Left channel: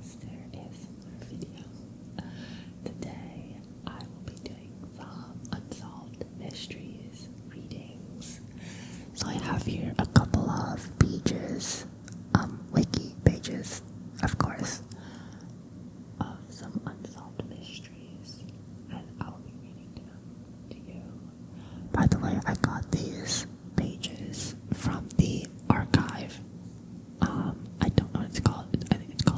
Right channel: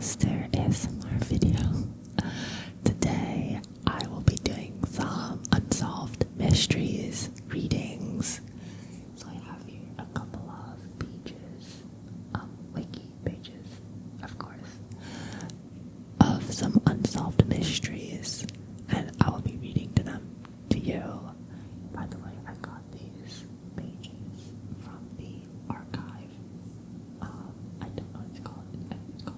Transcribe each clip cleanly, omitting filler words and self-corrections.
Master ASMR video. Today I will be doing some unsolved mysteries readings. So I have here a couple of pages, wiki pages, of course, of some unsolved mysteries, and I will be reading them to you. By the way, I got these pages from the archive. I don't know what it's called. I think it's called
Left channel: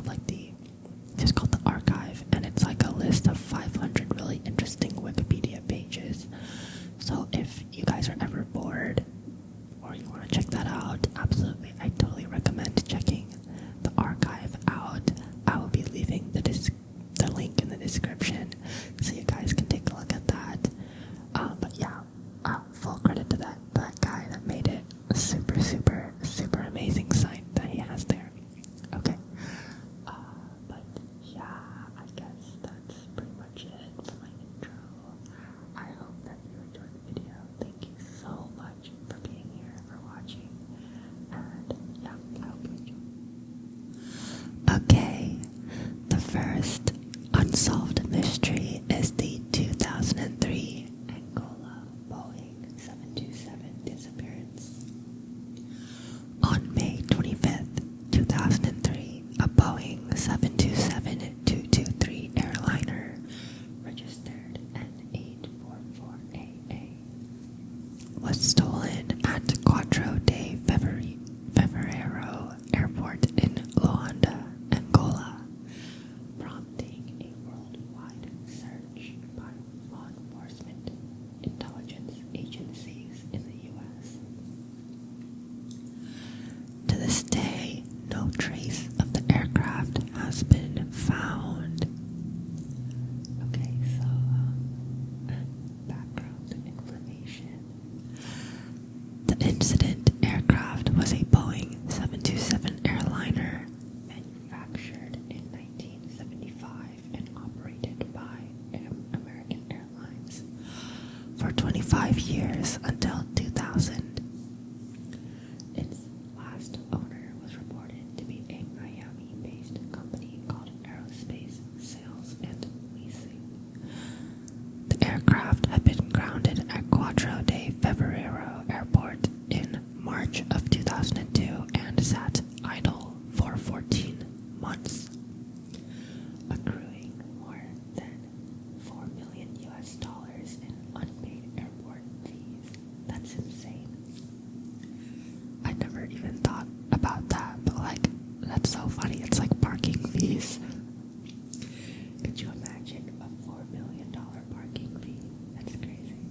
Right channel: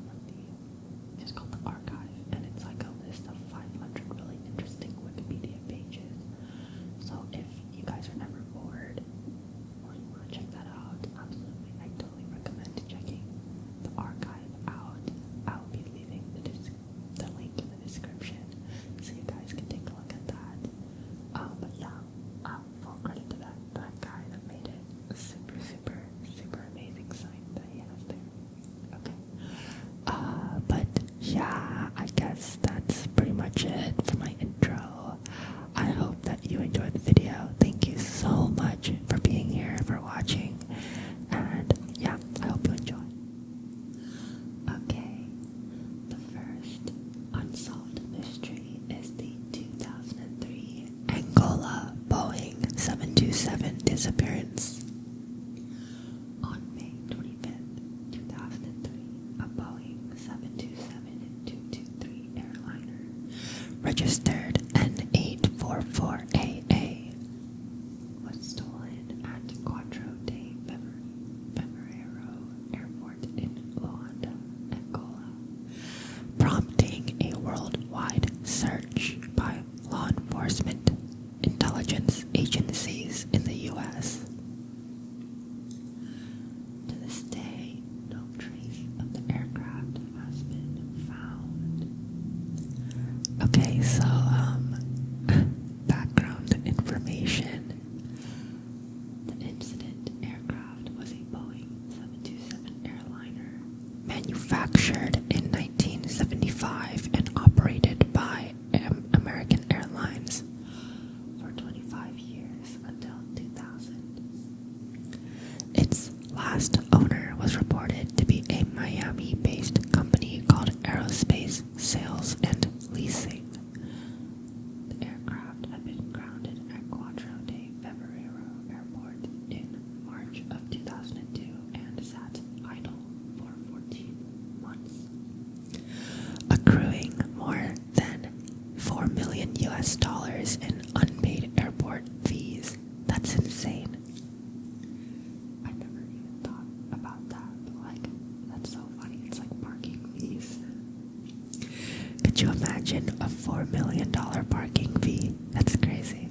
just called the archive, and it's like a list of 500 really interesting Wikipedia pages. So if you guys are ever bored or you want to check that out, absolutely, I totally recommend checking the archive out. I will be leaving the link in the description so you guys can take a look at that. But yeah, full credit to that guy that made it. A super amazing site that he has there. Okay. But yeah, I guess that's pretty much it for my intro. I hope that you enjoyed the video. Thank you so much for being here, for watching, and yeah, I hope you enjoy. Okay, the first unsolved mystery is the 2003 Angola Boeing 727 disappearance. On May 25th, 2003, a Boeing 727-223 airliner registered N844AA was stolen at Quatro de Fevereiro Airport in Luanda, Angola, prompting a worldwide search by law enforcement intelligence agencies in the U.S. To this day, no trace of the aircraft has been found. Okay, so, background information. The incident aircraft was a Boeing 727 airliner manufactured in 1975 and operated by American Airlines for 25 years until 2000. Its last owner was reported to be a Miami-based company called Aerospace Sales and Leasing. The aircraft had been grounded at Quatro de Fevereiro Airport in March of 2002 and sat idle for 14 months, accruing more than $4 million in unpaid airport fees. That's insane. I never even thought about that, but that's so funny. It's like parking fees. Could you imagine a $4 million parking fee? That's crazy.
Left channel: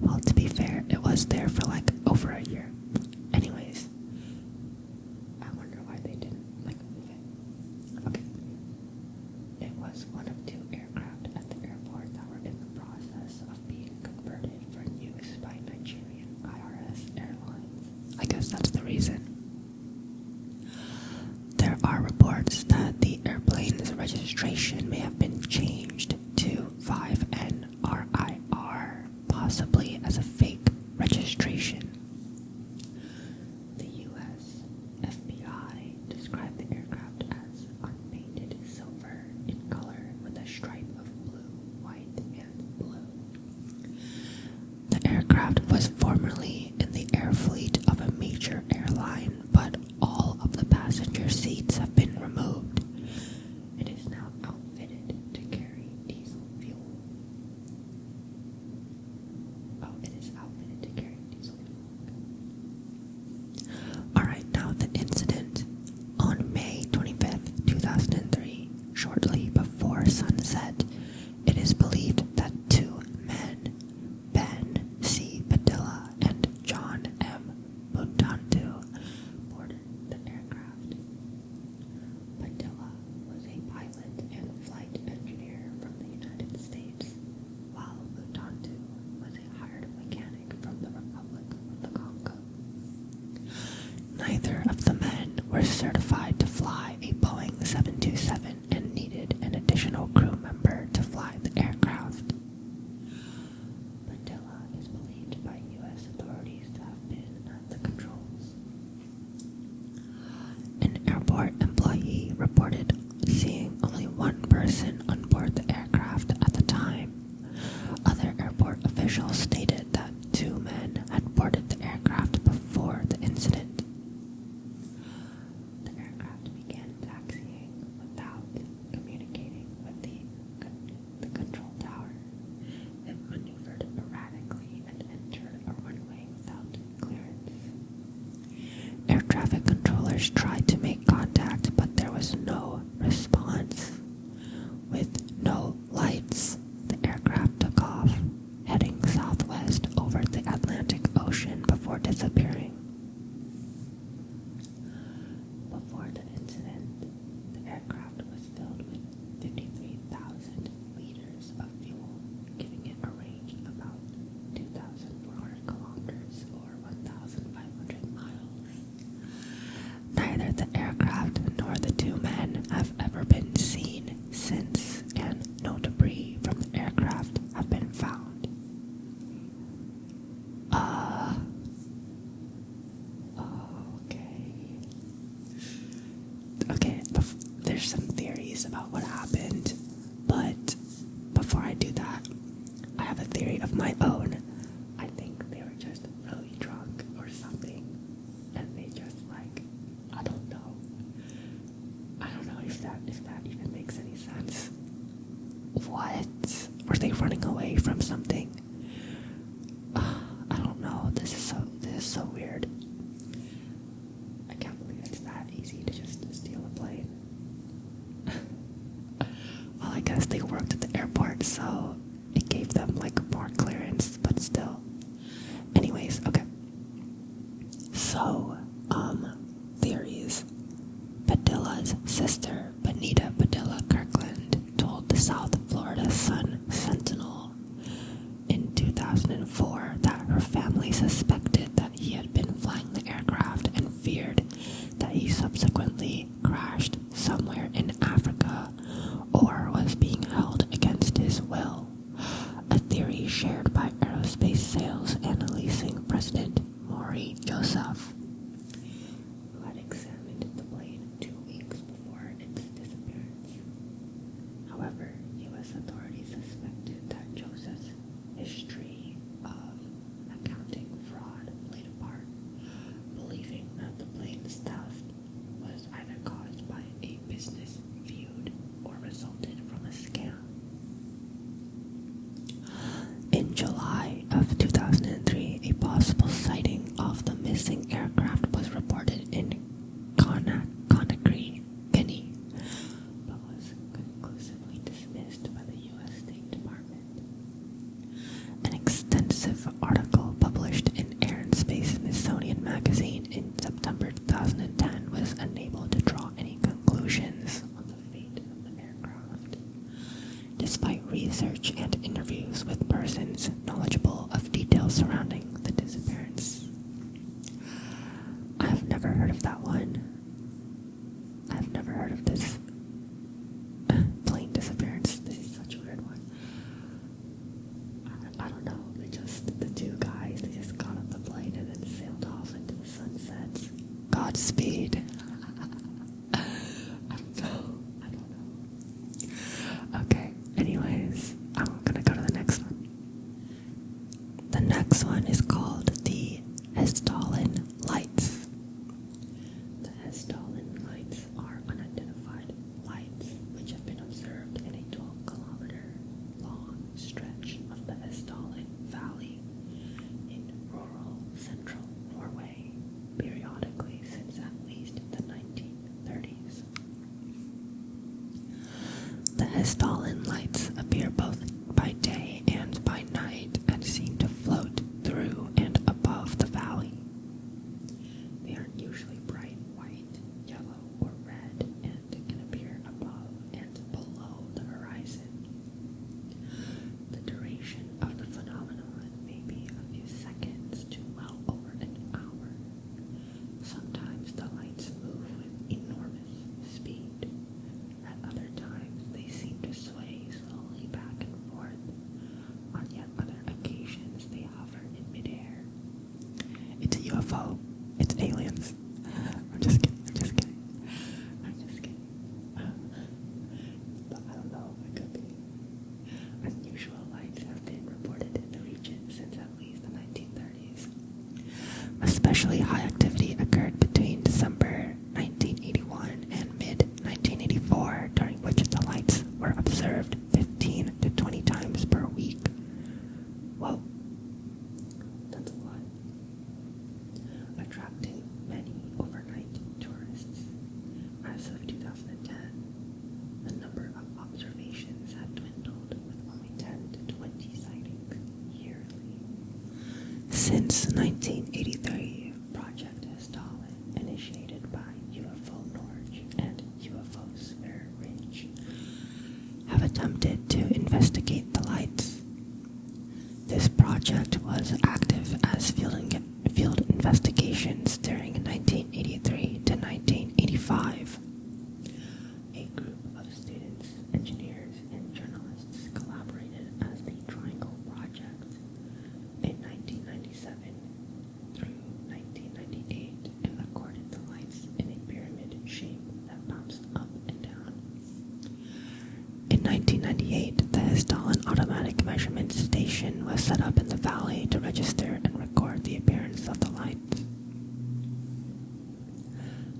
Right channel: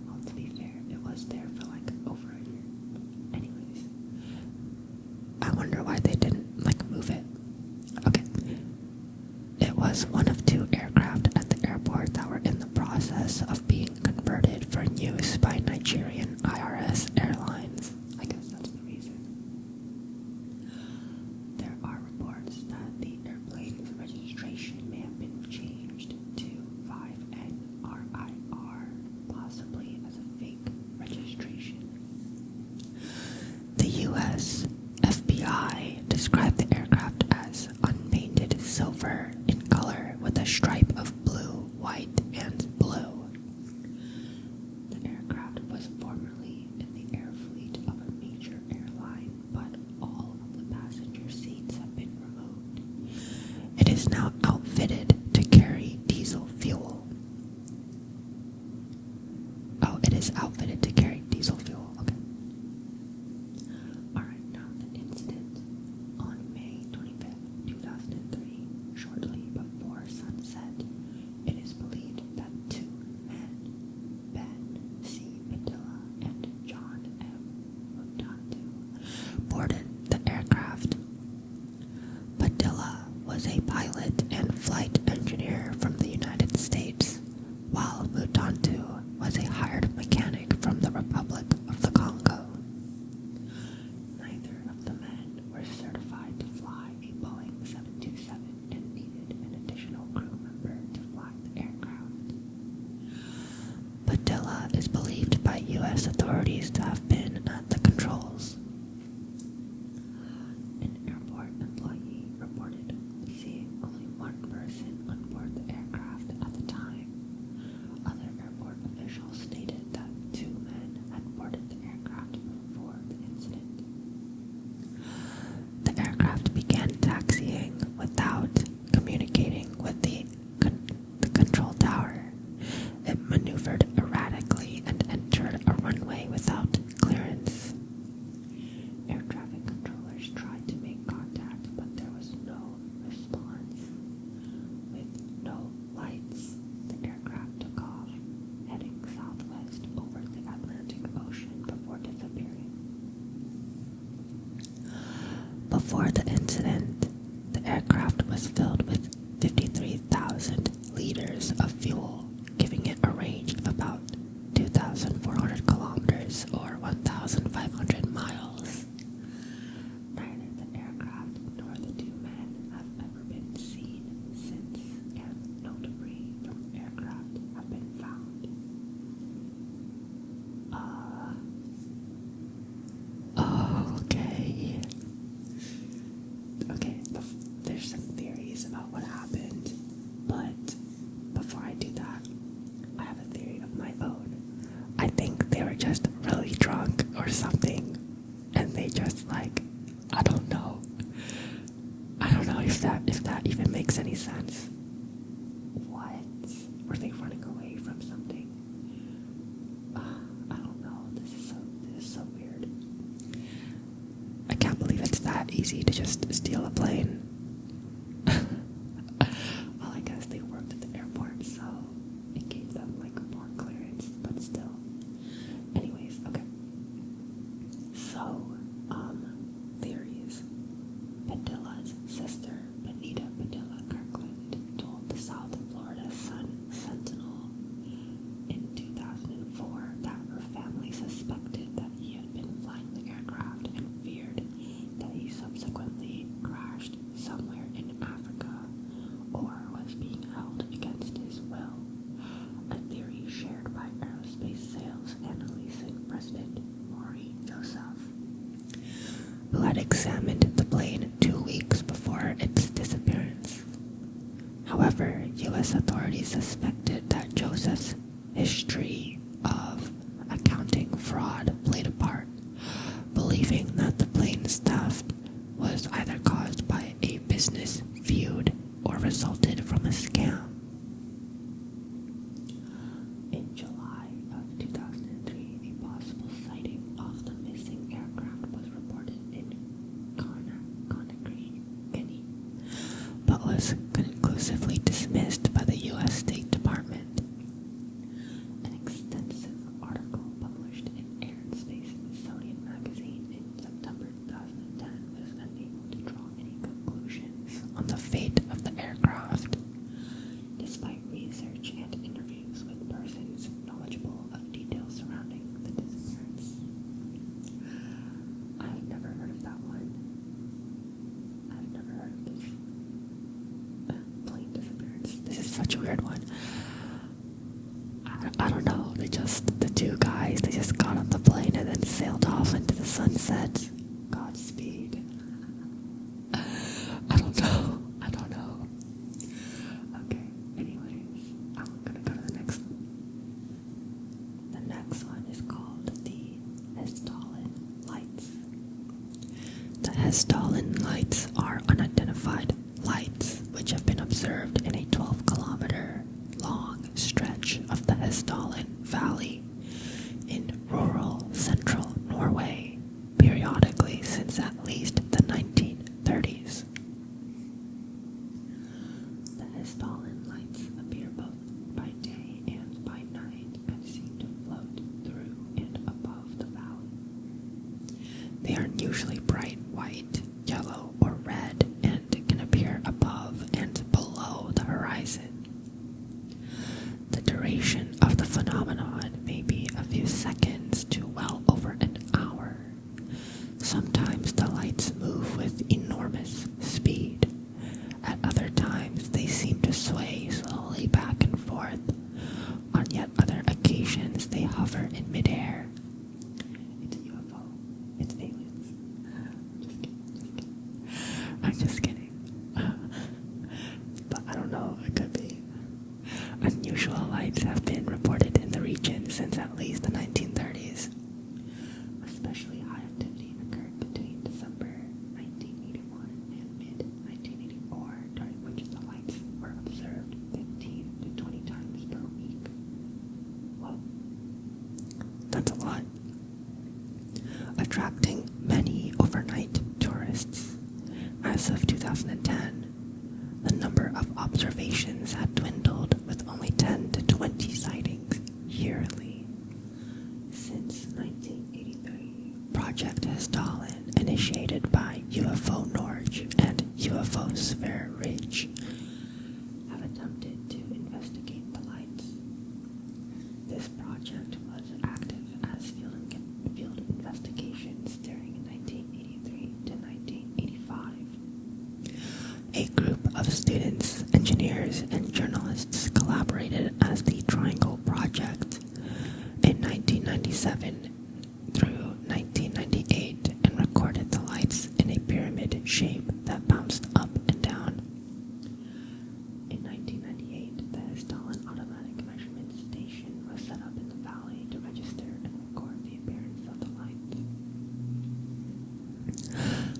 Well, to be fair, it was there for over a year. Anyways, I wonder why they didn't move it. Okay. It was one of two aircraft at the airport that were in the process of being converted for use by Nigerian IRS Airlines. I guess that's the reason. There are reports that the airplane's registration may have been changed to 5NRIR, possibly as a fake registration. boarded the aircraft before the incident. The aircraft began taxiing without communicating with the control tower. It maneuvered erratically and entered a runway without clearance. Air traffic controllers tried to make contact, but there was no response. With no lights, the aircraft took off, heading southwest over the Atlantic Ocean before disappearing. Before the incident, the aircraft was filled with 53,000 liters of fuel, giving it a range of about 2,400 kilometers or 1,500 miles. Neither the aircraft nor the two men have ever been seen since, and no debris from the aircraft have been found. Okay, there's some theories about what happened, but before I do that, I have a theory of my own. I think they were just really drunk or something, and they just I don't know if that even makes any sense. What? Were they running away from something? I don't know. This is so weird. I can't believe it's that easy to just steal a plane. Well, I guess they worked at the airport, so it gave them more clearance, but still. Anyways, okay. So, theories. Padilla's sister, Benita Padilla Kirkland, told the South Florida Sun-Sentinel in 2004 that her family suspected that he had been flying the aircraft and feared that he subsequently crashed somewhere in Africa or was being held against his will, a theory shared by aerospace sales and leasing president Maury Joseph, who had examined the plane 2 weeks before its disappearance. However, U.S. authorities suspected that Joseph's history of accounting fraud played a part, believing that the plane's theft was either caused by a business feud or resulted from a scam. In July of 2003, a possible sighting of the missing aircraft was reported in Conakry, Guinea, but was conclusively dismissed by the U.S. State Department. An extensive article published in Air and Space Smithsonian magazine in September 2010 was unable to draw any conclusions on the fate of the aircraft, despite research and interviews with persons knowledgeable of details surrounding the disappearance. I have never heard of that one. I've never heard of this plane disappearance. This is such a weird one. I don't know. The two guys, they just got on the plane and then sailed off into the sunset. Godspeed. I don't know. Okay, anyways, I'm gonna go to the next one. The next one is called the Hessdalen Lights. The Hessdalen Lights are unidentified lights which have been observed in a 12-kilometer long stretch of the Hessdalen Valley in rural central Norway periodically since at least the 1930s. The Hessdalen Lights appear both by day and by night and seem to float through and above the valley. They are usually bright white, yellow, or red and can appear above and below the horizon. The duration of the phenomenon may be a few seconds to well over an hour. Sometimes the lights move with enormous speed. At other times, they seem to sway slowly back and forth. On yet other occasions, they hover in midair. It's a UFO. It's aliens. I'm just kidding. But I don't know. It could be. Unusual lights have been reported in the region since at least the 1930s. Especially high activity occurred between December 1981 and mid-1984, during which the lights were observed 15 to 20 times per week. Whoa, that's a lot. Attracting many overnight tourists. As of 2010, the number of observations had dwindled, with only 10 to 20 sightings yearly. Since 1983, Project Hessdalen, initiated by UFO Norge and UFO Sphere Ridge, have attempted to investigate the lights. This project was active as field investigations during 1983 to 1985. A group of students, engineers, and journalists collaborated as the Triangle Project in 1997 through 1998 and recorded the lights in a pyramid shape that bounced up and down. In 1998, the Hessdalen Automatic Measurement Station was set up in the valley to register and record the appearance of the lights.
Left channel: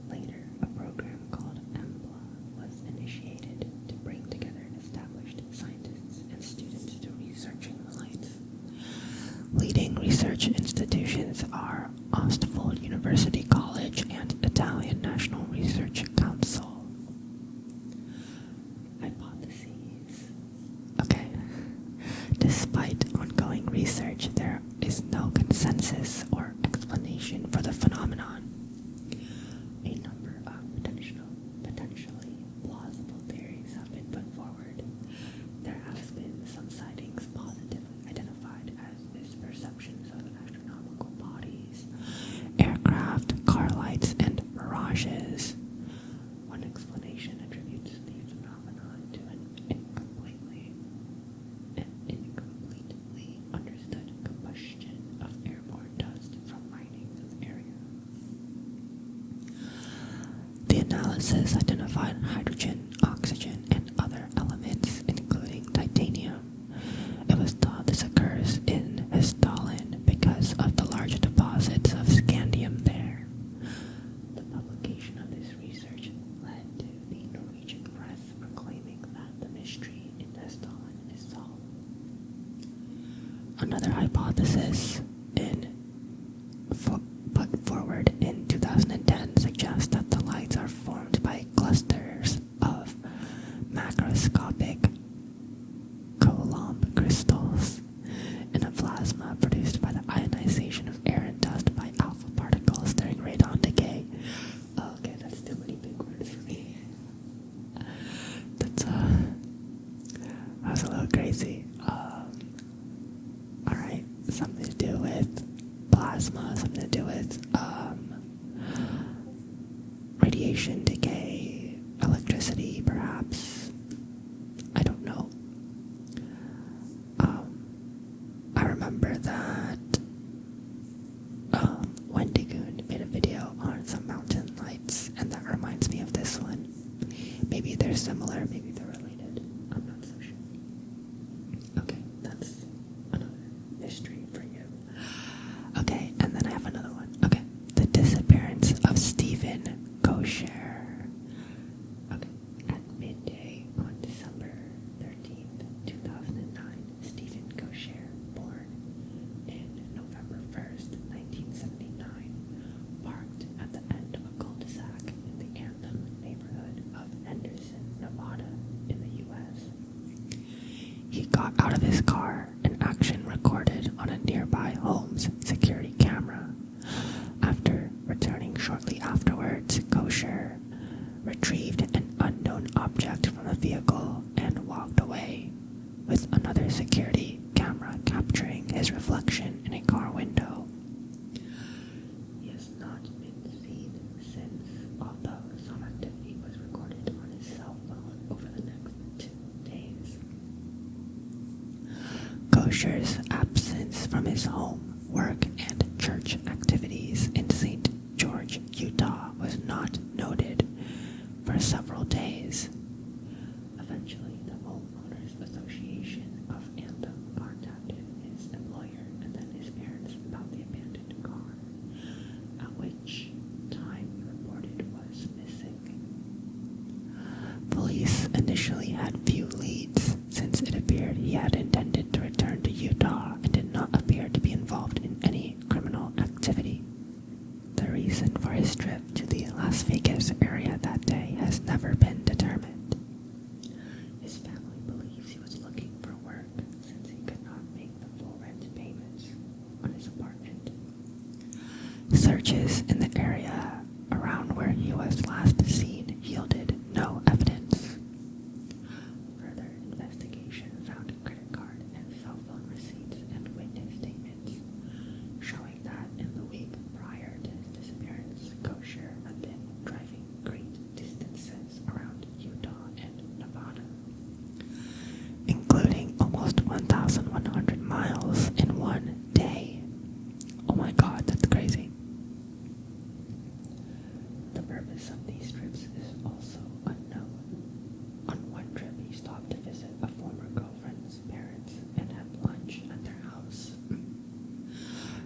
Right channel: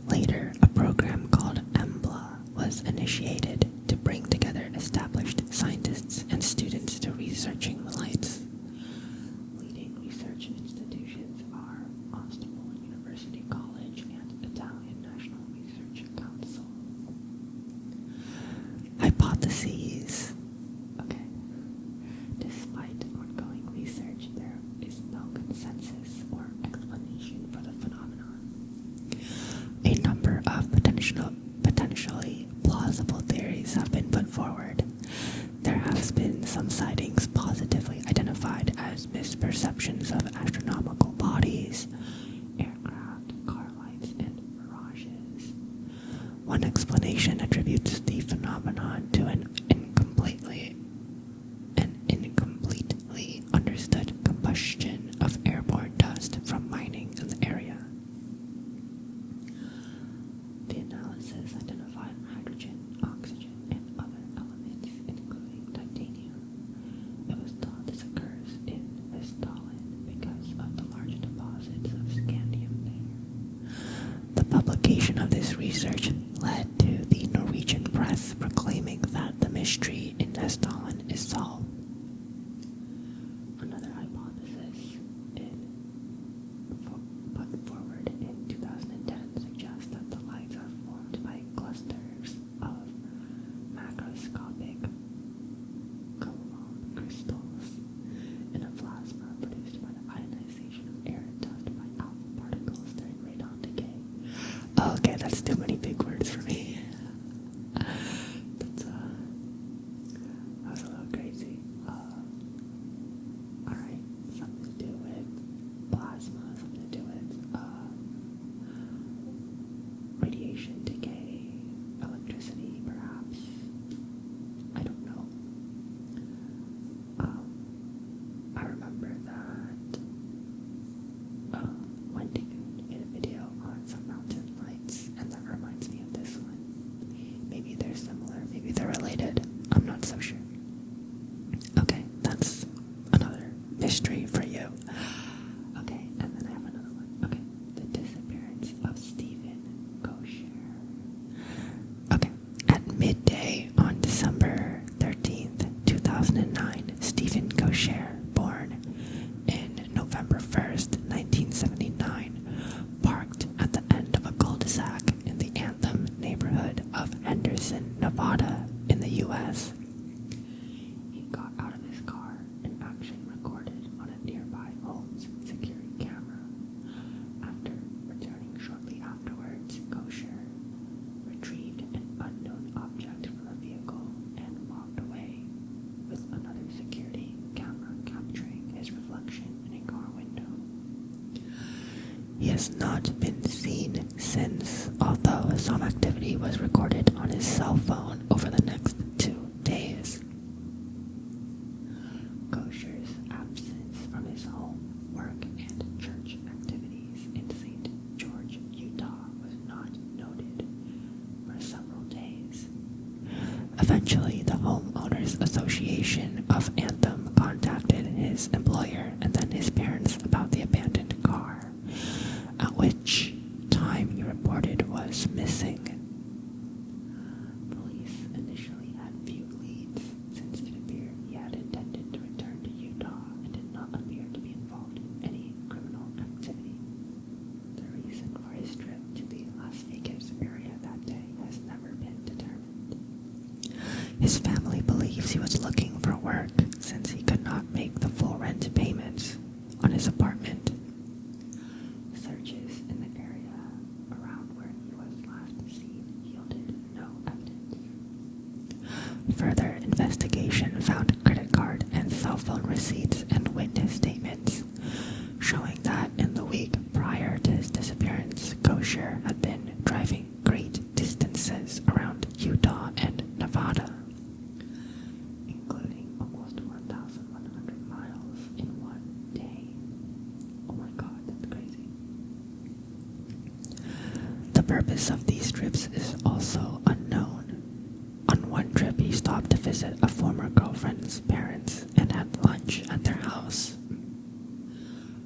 Later, a program called EMBLA was initiated to bring together established scientists and students to researching the lights. Leading research institutions are Ostfold University College and Italian National Research Council. Hypotheses. Okay. Despite ongoing research, there is no consensus or explanation for the phenomenon. A number of potentially plausible theories have been put forward. There has been some sightings positively identified as misperceptions of astronomical bodies, aircraft, car lights, and mirages. One explanation attributes the phenomenon to an incompletely understood combustion of airborne dust from mining in the area. The analysis identified hydrogen, oxygen, and other elements, including titanium. It was thought this occurs in Hessdalen because of the large deposits of scandium there. The publication of this research led to the Norwegian press proclaiming that the mystery in Hessdalen is solved. Another hypothesis put forward in 2010 suggests that the lights are formed by clusters of macroscopic Coulomb crystals in a plasma produced by the ionization of air and dust by alpha particles during radon decay. Okay, that's too many big words for me. That's a little crazy. Alright, something to do with plasma, something to do with radiation decay, electricity perhaps. I don't know. I remember that Wendigoon made a video on some mountain lights, and that reminds me of this one. Maybe they're similar, maybe they're related. I'm not so sure. Okay, that's another mystery for you. Okay, and then I have another one. Okay, the disappearance of Stephen Koecher. Okay, at midday on December 13th, 2009, Stephen Koecher, born in November 1st, 1979, parked at the end of a cul-de-sac in the Anthem neighborhood of Henderson, Nevada, in the U.S. He got out of his car, an action recorded on a nearby home's security camera. After returning shortly afterwards, Koecher retrieved an unknown object from the vehicle and walked away, with another security camera capturing his reflection in a car window. He has not been seen since, although some activity was recorded on his cell phone over the next 2 days. Koecher's absence from his home, work, and church activities in St. George, Utah was not noted for several days. Eventually, the Homeowners Association of Anthem contacted his employer and then his parents about the abandoned car. his trip to the Las Vegas area that day has never been determined. His family believes he was looking for work since he could not make the full rent payments on his apartment. Searches in the area around where he was last seen yielded no evidence. Further investigation found credit card and cell phone receipts and witness statements showing that in the week prior to his disappearance, Koecher had been driving great distances around Utah and Nevada, including almost 1,100 miles in one day. Oh my god, that's crazy. The purpose of these trips is also unknown. On one trip, he stopped to visit a former girlfriend's parents and had lunch at their house.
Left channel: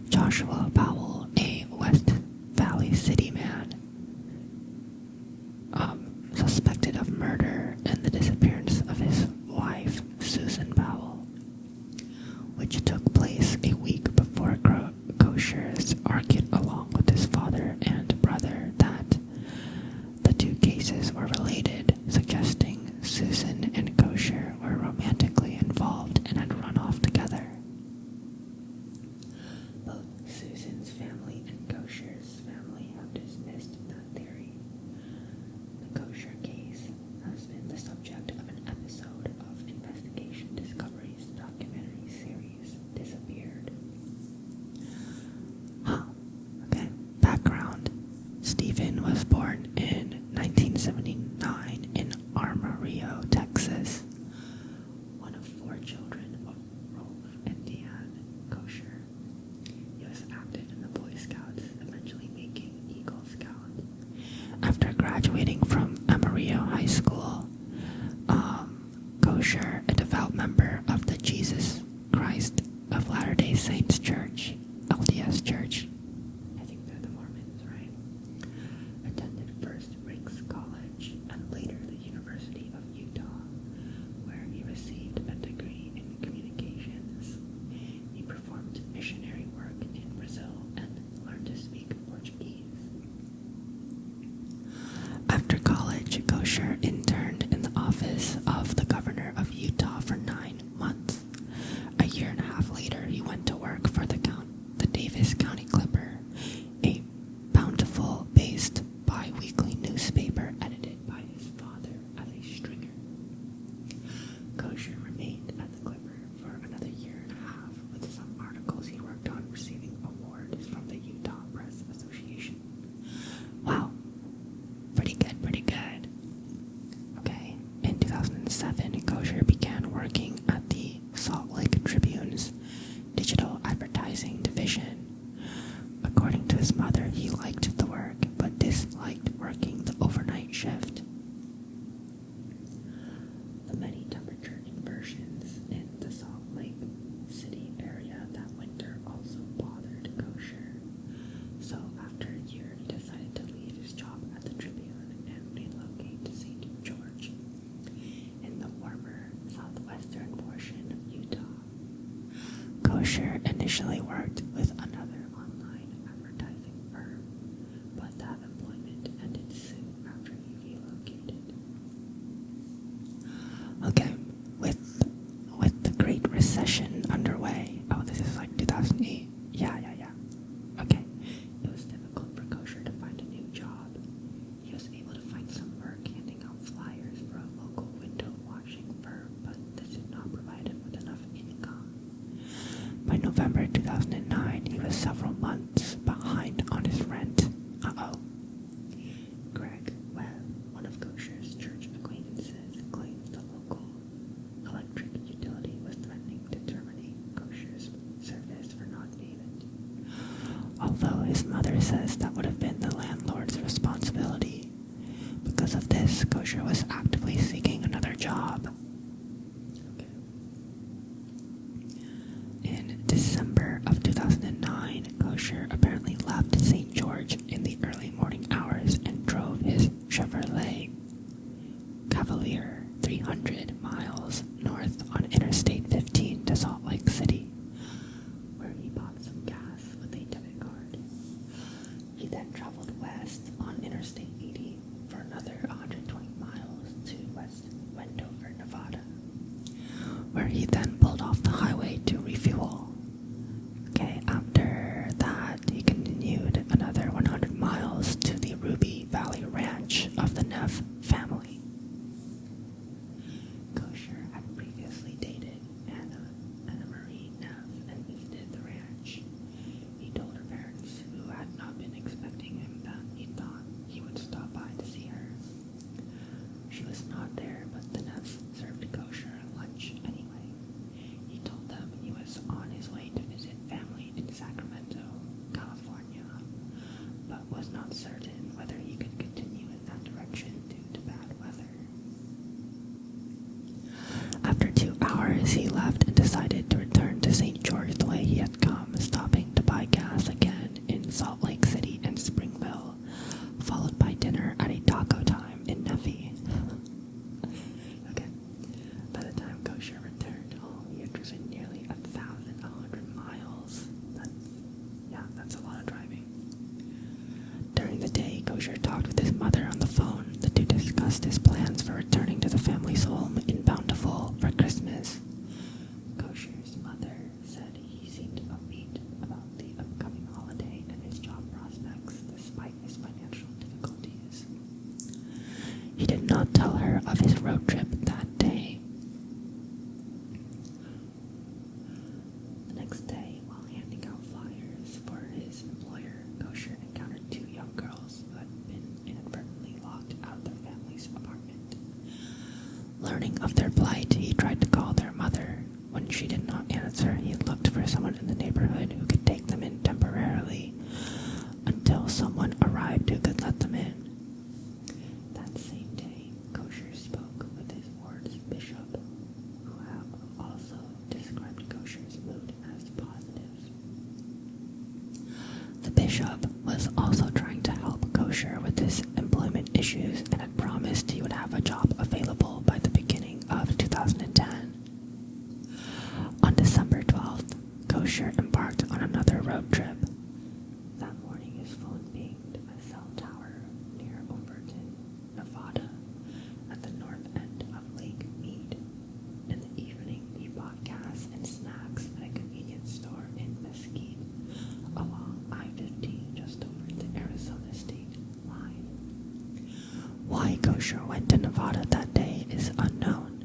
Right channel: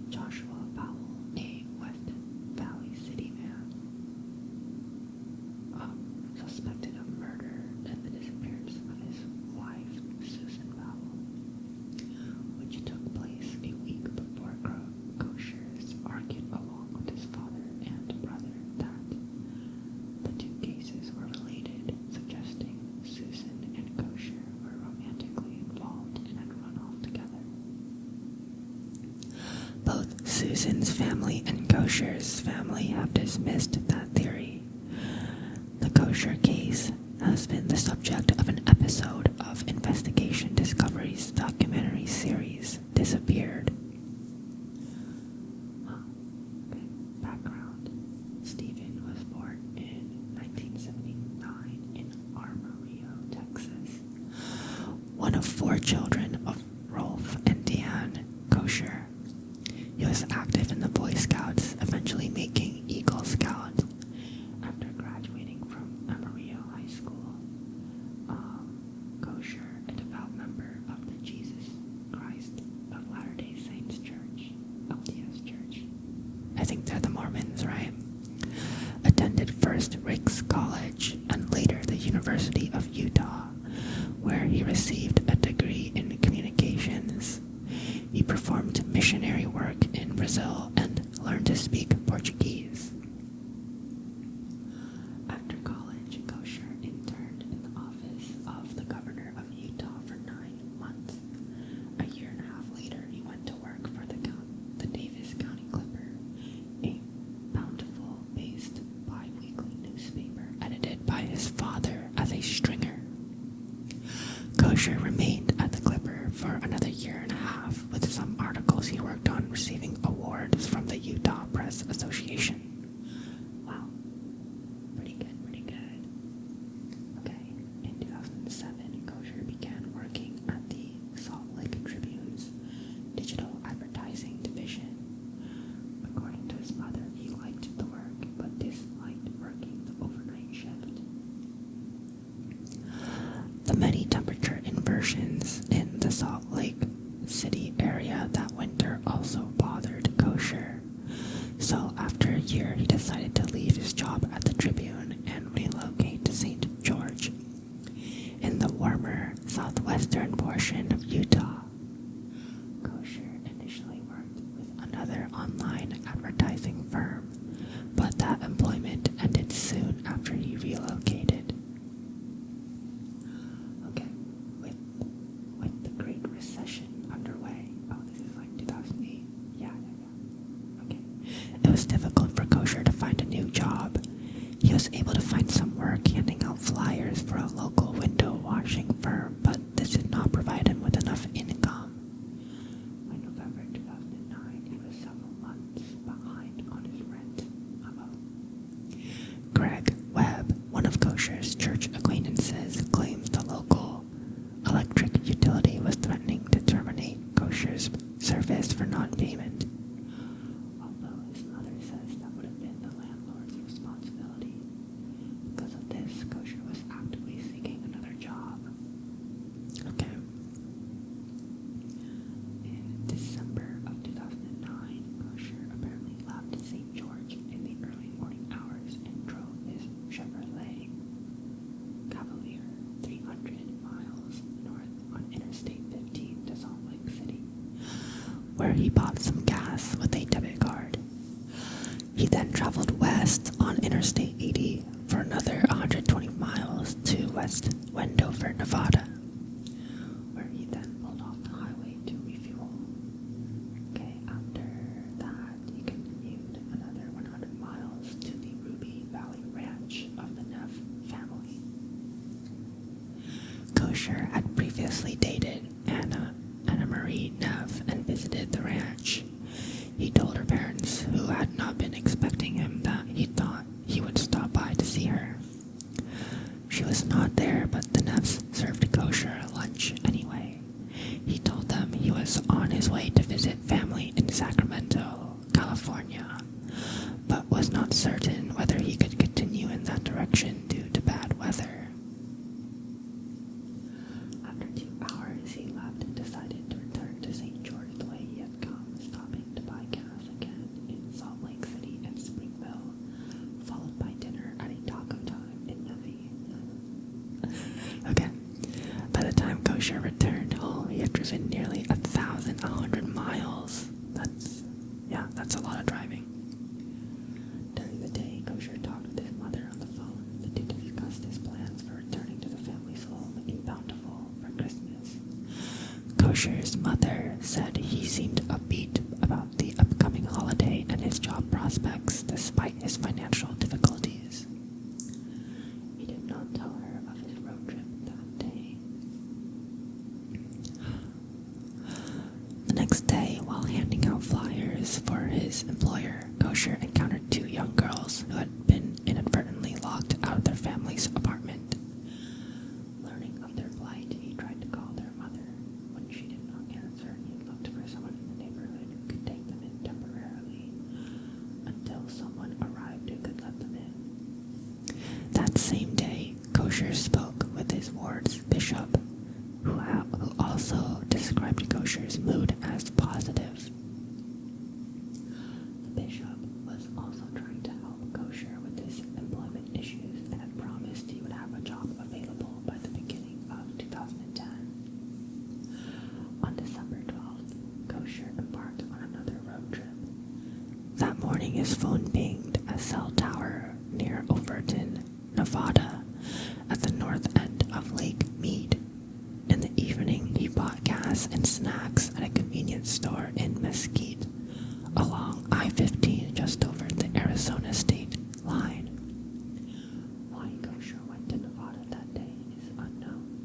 Joshua Powell, a West Valley City man, suspected of murder and the disappearance of his wife, Susan Powell, which took place a week before Koecher's argued along with his father and brother that the two cases were related, suggesting Susan and Koecher were romantically involved and had run off together. Both Susan's family and Koecher's family have dismissed that theory. The Koecher case has been the subject of an episode of Investigation Discovery's documentary series, Disappeared. Okay. Background. Stephen was born in 1979 in Armorio, Texas, one of 4 children of Rolf and Deanne Koecher. He was active in the Boy Scouts, eventually making Eagle Scout. After graduating from Amarillo High School, Koecher, a devout member of the Jesus Christ of Latter-day Saints Church, LDS Church, I think they're the Mormons, right? Attended first Ricks College and later the University of Utah, where he received a degree in communications. He performed missionary work in Brazil and learned to speak Portuguese. After college, Koecher interned in the office of the governor of Utah for 9 months. A year and a half later, he went to work for the Davis County Clipper, a Bountiful-based bi-weekly newspaper edited by his father as a stringer. Koecher remained at the Clipper for another year and a half, with some articles he worked on receiving awards from the Utah Press Association. Wow. Pretty good, pretty good. Okay, in 2007, Koecher began working at the Salt Lake Tribune's digital advertising division. According to his mother, he liked the work, but disliked working the overnight shift. The many temperature inversions in the Salt Lake City area that winter also bothered Koecher. So after a year, he decided to leave his job at the Tribune and relocate to St. George, in the warmer southwestern portion of Utah. Koecher initially worked with another online advertising firm, but that employment ended soon after he relocated. Okay, with the Great Recession underway, this is like 2008, yeah. Okay, it was difficult for Koecher to find a new job. He was able to find some work handing out flyers for a local window washing firm, but this did not provide him with enough income. By November 2009, he was several months behind on his rent. Greg Webb, one of Koecher's church acquaintances, claims the local electric utility was threatening to terminate Koecher's service for non-payment. Although his mother says that would have been the landlord's responsibility. Because of this, Koecher was actively seeking another job. Okay. In December of 2009, Koecher apparently left St. George in the early morning hours and drove his Chevrolet Cavalier 300 miles north on Interstate 15 to Salt Lake City, where he bought some gas with a debit card. He then traveled west not certain whether he could continue in that direction due to bad weather. After 2 hours, he left and decided to return to St. George the way he had come, stopping to buy gas again in Salt Lake City and Springville, followed by dinner at a taco time in Neffy. Okay, by the time Koecher returned home, he had driven nearly 1,100 miles. That's a lot of driving. During the day, Koecher talked with his mother on the phone. The two discussed his plans for returning to the family's home in Bountiful for Christmas. Koecher's mother said he seemed upbeat about the upcoming holiday and his job prospects despite his financial difficulties. He did not tell her of his road trip that day. The next day, while handing out flyers for his employer, Koecher encountered 2 young girls who had been inadvertently locked out of their family's apartment. Learning of their plight, he tried to call their mother. When she did not answer, he looked for someone in the neighborhood who could take them in temporarily until someone arrived who could let them in. That same day, Koecher spoke with his ward's bishop, who also described Koecher's mood as positive. The bishop was also trying to help Koecher with his employment issues and had promised he would have a job available by the beginning of 2010. On December 12th, Koecher embarked on another road trip. That morning, his phone pinged a cell tower near Overton, Nevada, at the north end of Lake Mead. In the evening, he bought gas and snacks at a convenience store in Mesquite, along I-15 just over the Arizona state line. Why Koecher went to Nevada that day is unknown.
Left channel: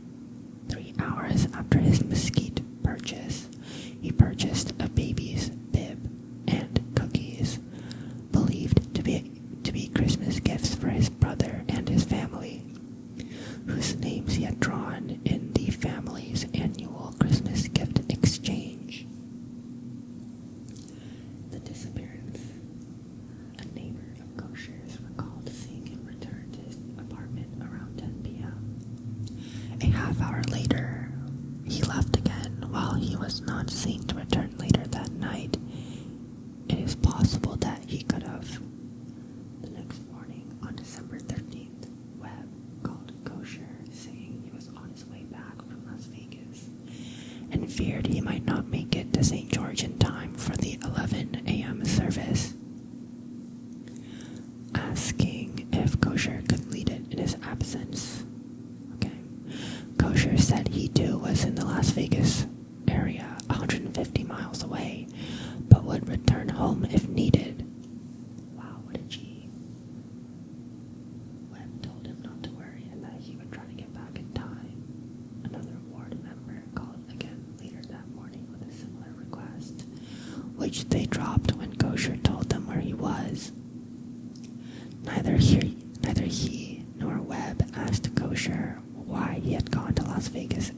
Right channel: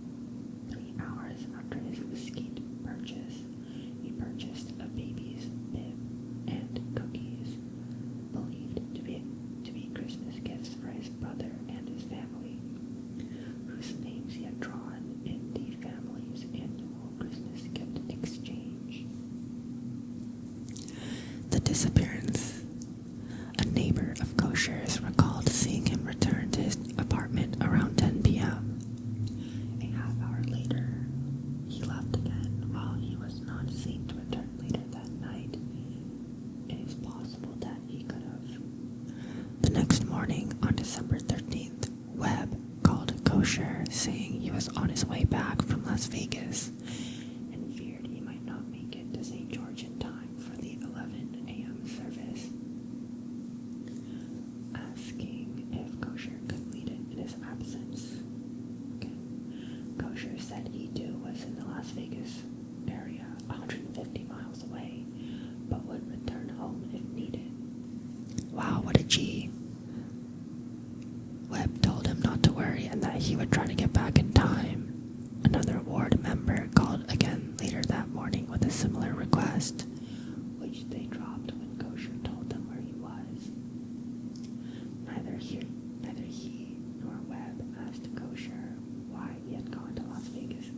3 hours after his Mesquite purchase, he purchased a baby's bib and cookies, believed to be Christmas gifts for his brother and his family, whose names he had drawn in the family's annual Christmas gift exchange. The disappearance. A neighbor of Koecher's recalled seeing him return to his apartment around 10 p.m. A half hour later, he left again. While he was not seen to return later that night, it is possible that he could have. The next morning, on December 13th, Webb called Koecher saying he was on his way back from Las Vegas and feared he might not make it to St. George in time for the 11 a.m. service, asking if Koecher could lead it in his absence. Koecher said he too was in the Las Vegas area, 150 miles away, but would return home if needed. Wow, what a G. Webb told him not to worry and that he would try to get back in time. Another ward member called again later that morning with a similar request, which they dropped when Koecher told them where he was. Neither he nor Webb asked Koecher why he had gone to Las Vegas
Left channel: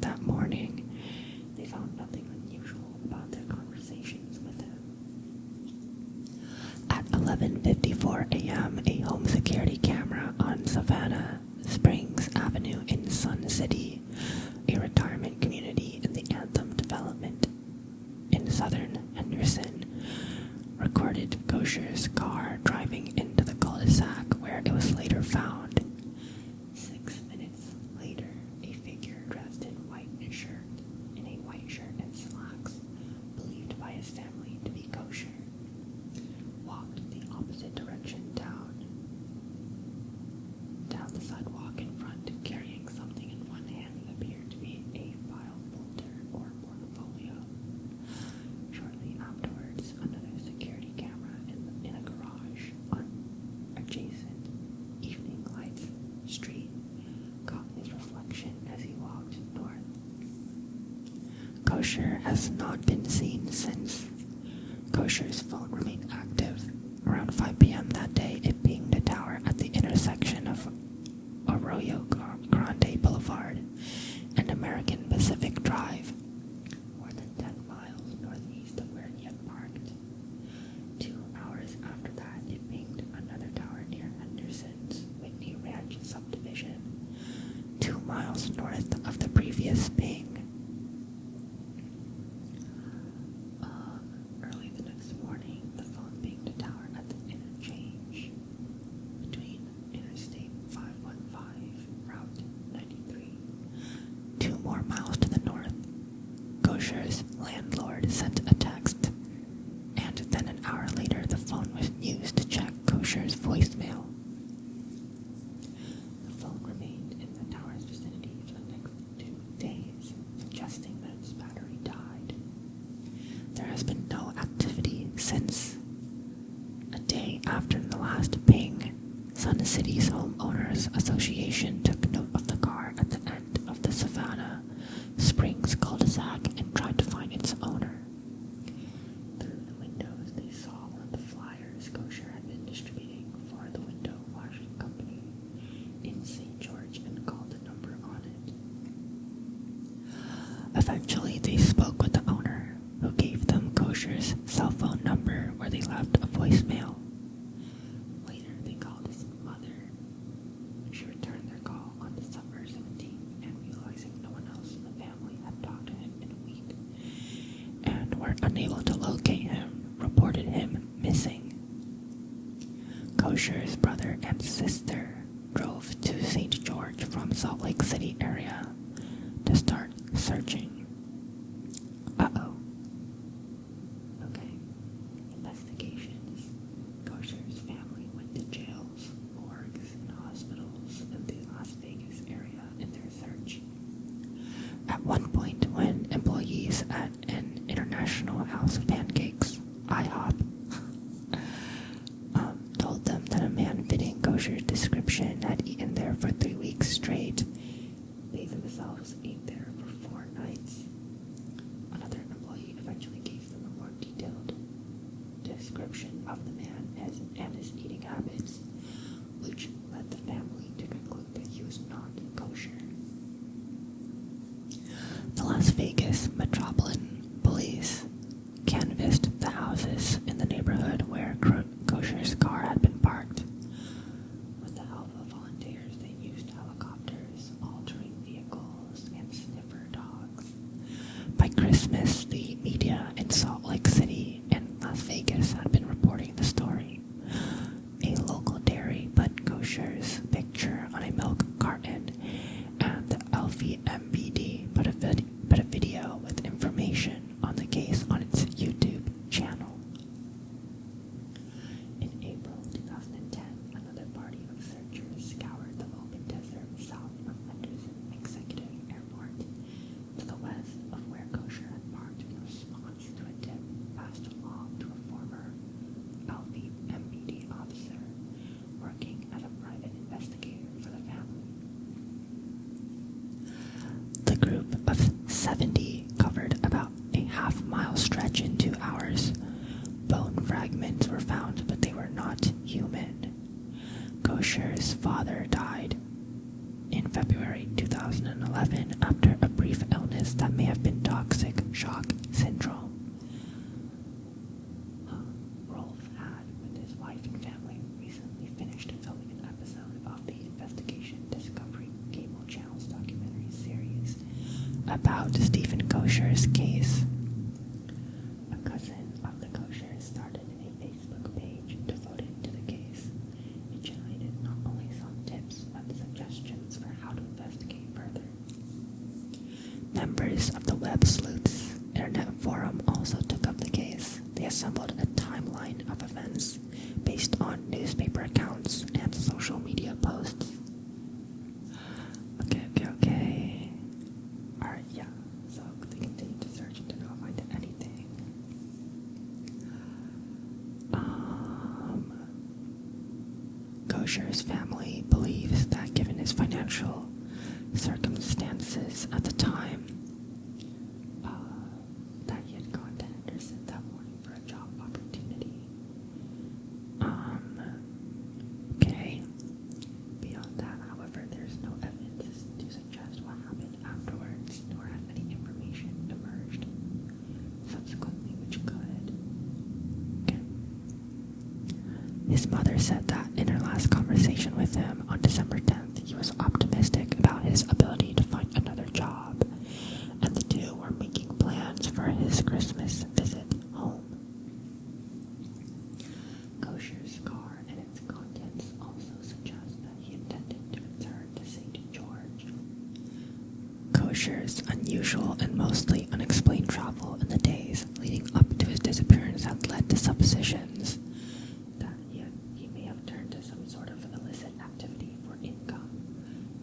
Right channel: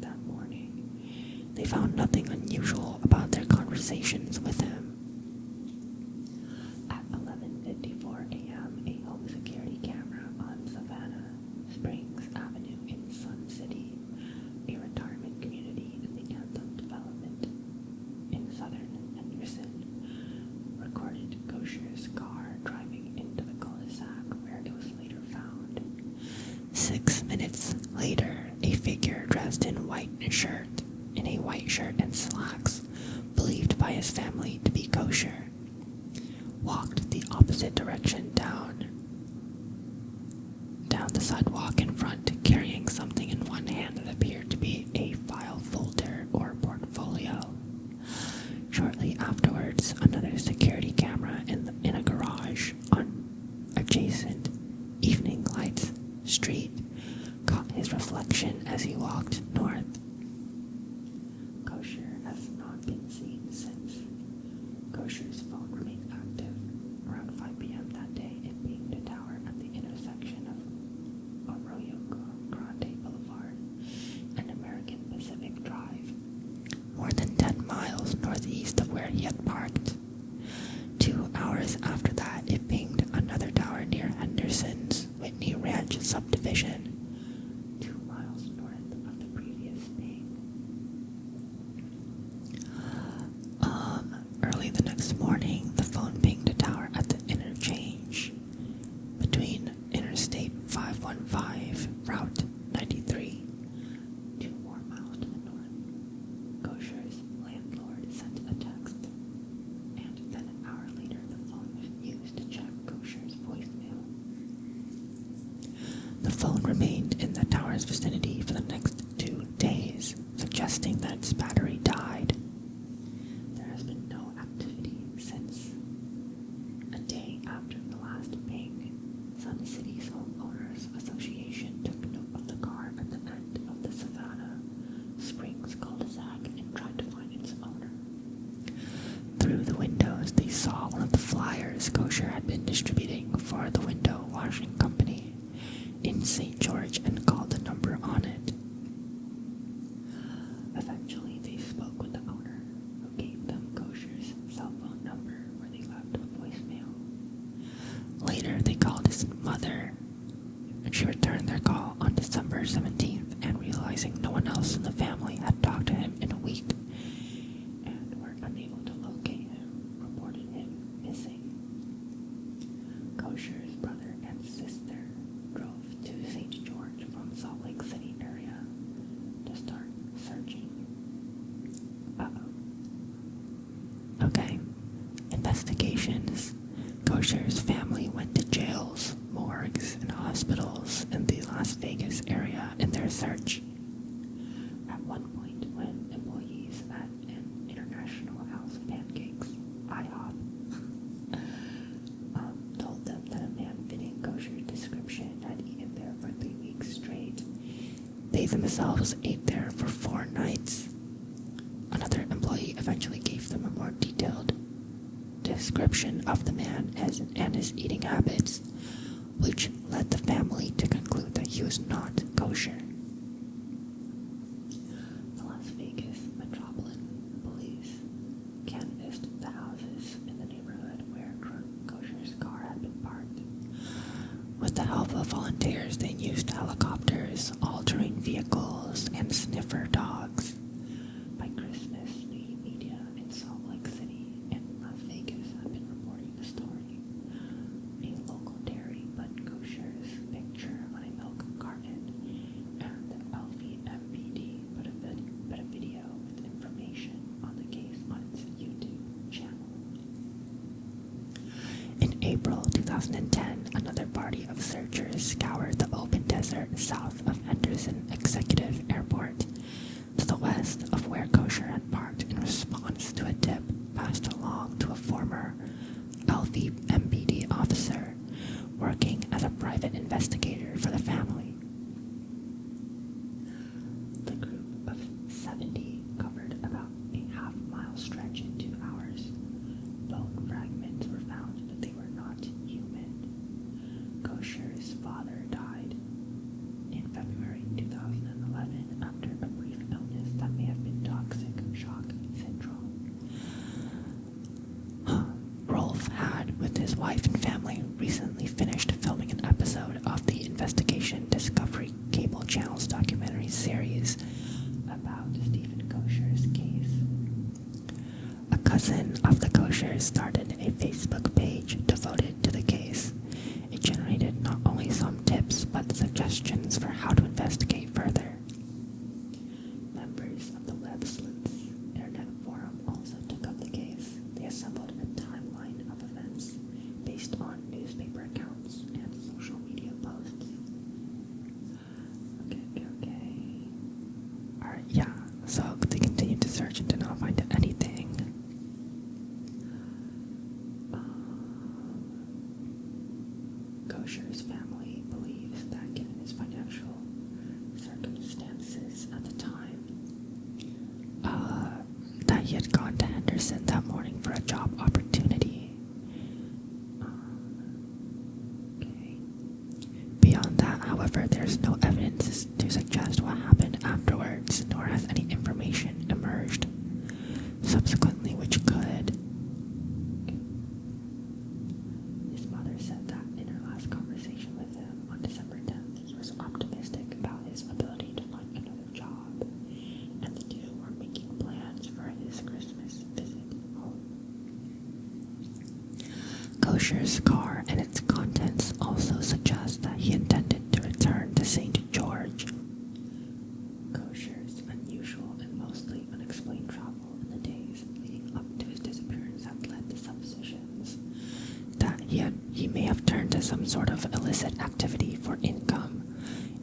that morning. They found nothing unusual about their conversations with him. At 11:54 a.m., a home security camera on Savannah Springs Avenue in Sun City, a retirement community in the Anthem development in southern Henderson, recorded Koecher's car driving into the cul-de-sac where it was later found. 6 minutes later, a figure dressed in a white shirt and slacks, believed by his family to be Koecher, walked the opposite direction down the sidewalk in front, carrying something in one hand that appeared to be a file folder or portfolio. Shortly afterwards, another security camera in a garage on adjacent Evening Lights Street caught his reflection as he walked north. Koecher has not been seen since. Koecher's phone remained active. Around 5 p.m. that day, it pinged a tower at the intersection of Arroyo Grande Boulevard and American Pacific Drive, more than 10 miles northeast of where he had parked. 2 hours after that, it pinged after the last ping, Sun City's Homeowners Association took note of the car at the end of the Savannah Springs cul-de-sac and tried to find its owner. Through the windows, they saw one of the flyers Koecher had been distributing for the window washing company in St. George and called the number on it. Eventually, they spoke with the owner, who gave them Koecher's cell phone number where they left a voicemail. Later, they called his mother, and she returned their call on December 17th, and realizing no one else in the family had talked to him in a week and were unable to locate him, reported him missing. Koecher's brother and sister drove to St. George from Salt Lake City area to start searching. Okay. Investigations. Koecher's family went to jails, morgues, and hospitals in the Las Vegas area in their search. At one point, when employees at an International House of Pancakes, IHOP, told them that a man fitting Koecher's description had eaten there for 3 weeks straight, they themselves ate there for 4 nights. Another employee eventually gave them a more detailed description of the man and his eating habits, which led the family to conclude that he was not kosher. The Las Vegas Metropolitan Police canvassed the houses in the neighborhood where Koecher's car had been parked. With the help of volunteers, they used helicopters, all-terrain vehicles, and sniffer dogs. By Christmas, the media in Salt Lake City and Las Vegas had been reporting the story. A local dairy put Koecher's picture on a milk carton, and the LVMPD put a video with information on the case on its YouTube channel. In April 2010, another party of searchers scoured the open desert south of Henderson Executive Airport, to the west of where Koecher had parked, in response to a tip passed along to a former LVMPD officer working as a private investigator for the family. The group of 70 covered about a half-mile stretch in 2 hours. Bone fragments were found, but they were not human. Koecher's father died in February 2011 after a brief illness that may have been toxic shock syndrome. Rolf had, with his wife and family, recently finished filming an episode of the Investigation Discovery Cable Channel's documentary series about Stephen Koecher's case. A cousin of the Koechers started a Facebook page devoted to the case. It generated not only some tips, but suggestions for how to investigate further. Members of the Web Sleuths Internet Forum also took up the case. They assembled a timeline of events based on newspaper accounts and social media posts. Okay. Alright, yeah. So they continued to search and did not find anything. Koecher's family believes that given his financial circumstances at the time, that he had gone to Henderson that morning for a job opportunity. Okay. Beyond that, however, there's no evidence to suggest what happened afterwards, nor has any information emerged subsequently which could. Okay. His mother said that in her last conversation with him on December 10th, he was optimistic about his ability to find another job, and the two were making plans for his Christmas visit home. Koecher's car and its contents also suggest that he intended to return to St. George. Koecher's unusual and mostly unexplained travel in the days leading up to his disappearance had led to suppositions that he may have turned to some sort of illicit activity for income.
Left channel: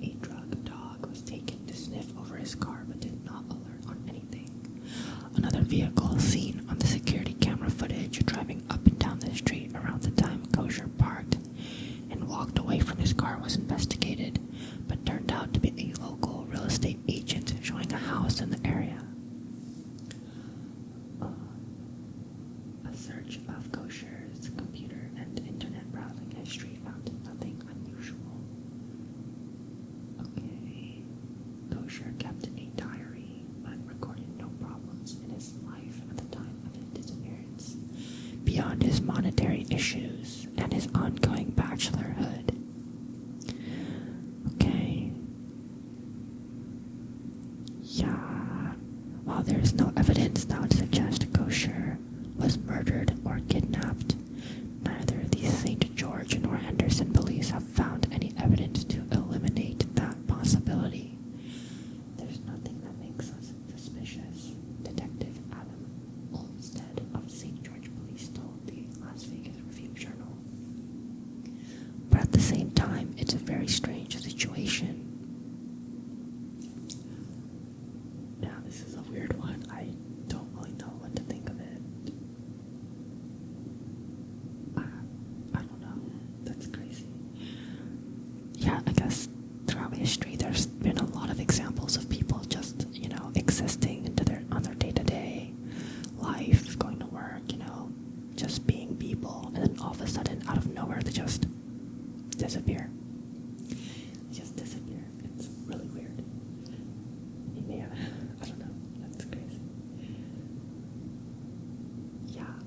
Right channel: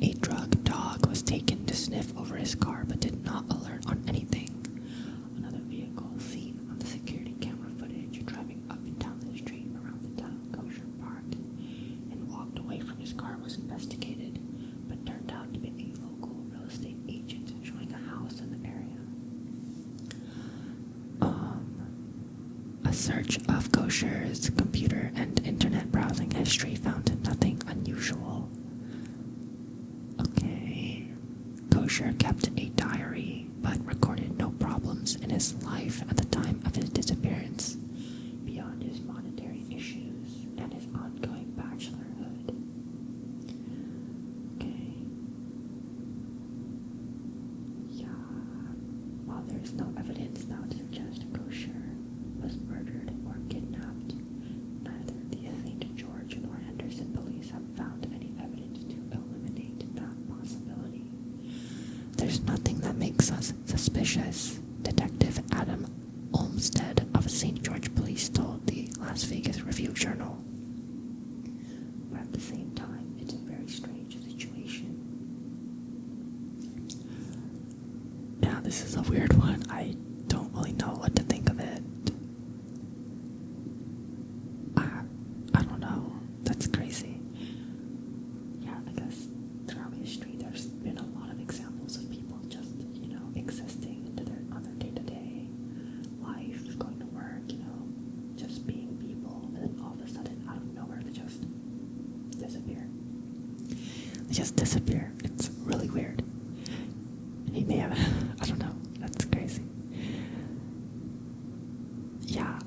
A drug dog was taken to sniff over his car but did not alert on anything. Another vehicle seen on the security camera footage driving up and down the street around the time Koecher car was investigated, but turned out to be a local real estate agent showing a house in the area. A search of Koecher's computer and internet browsing history found nothing unusual. Okay. Koecher kept a diary, but recorded no problems in his life at the time of his disappearance, beyond his monetary issues and his ongoing bachelorhood. Okay. Yeah. While there is no evidence that would suggest Koecher was murdered or kidnapped, neither the St. George nor Henderson police have found any evidence to eliminate that possibility. There's nothing that makes us suspicious, Detective Adam Olmsted of St. George Police told the Las Vegas Review-Journal. But at the same time, it's a very strange situation. Yeah, this is a weird one. I don't really know what to think of it. I don't know. That's crazy. Yeah, I guess throughout history there's been a lot of examples of people just, existing on their day-to-day life, going to work, just being people, and then all of a sudden, out of nowhere, they just disappear. They just disappear. It's really weird. He may have, I don't know, that's crazy. Yeah,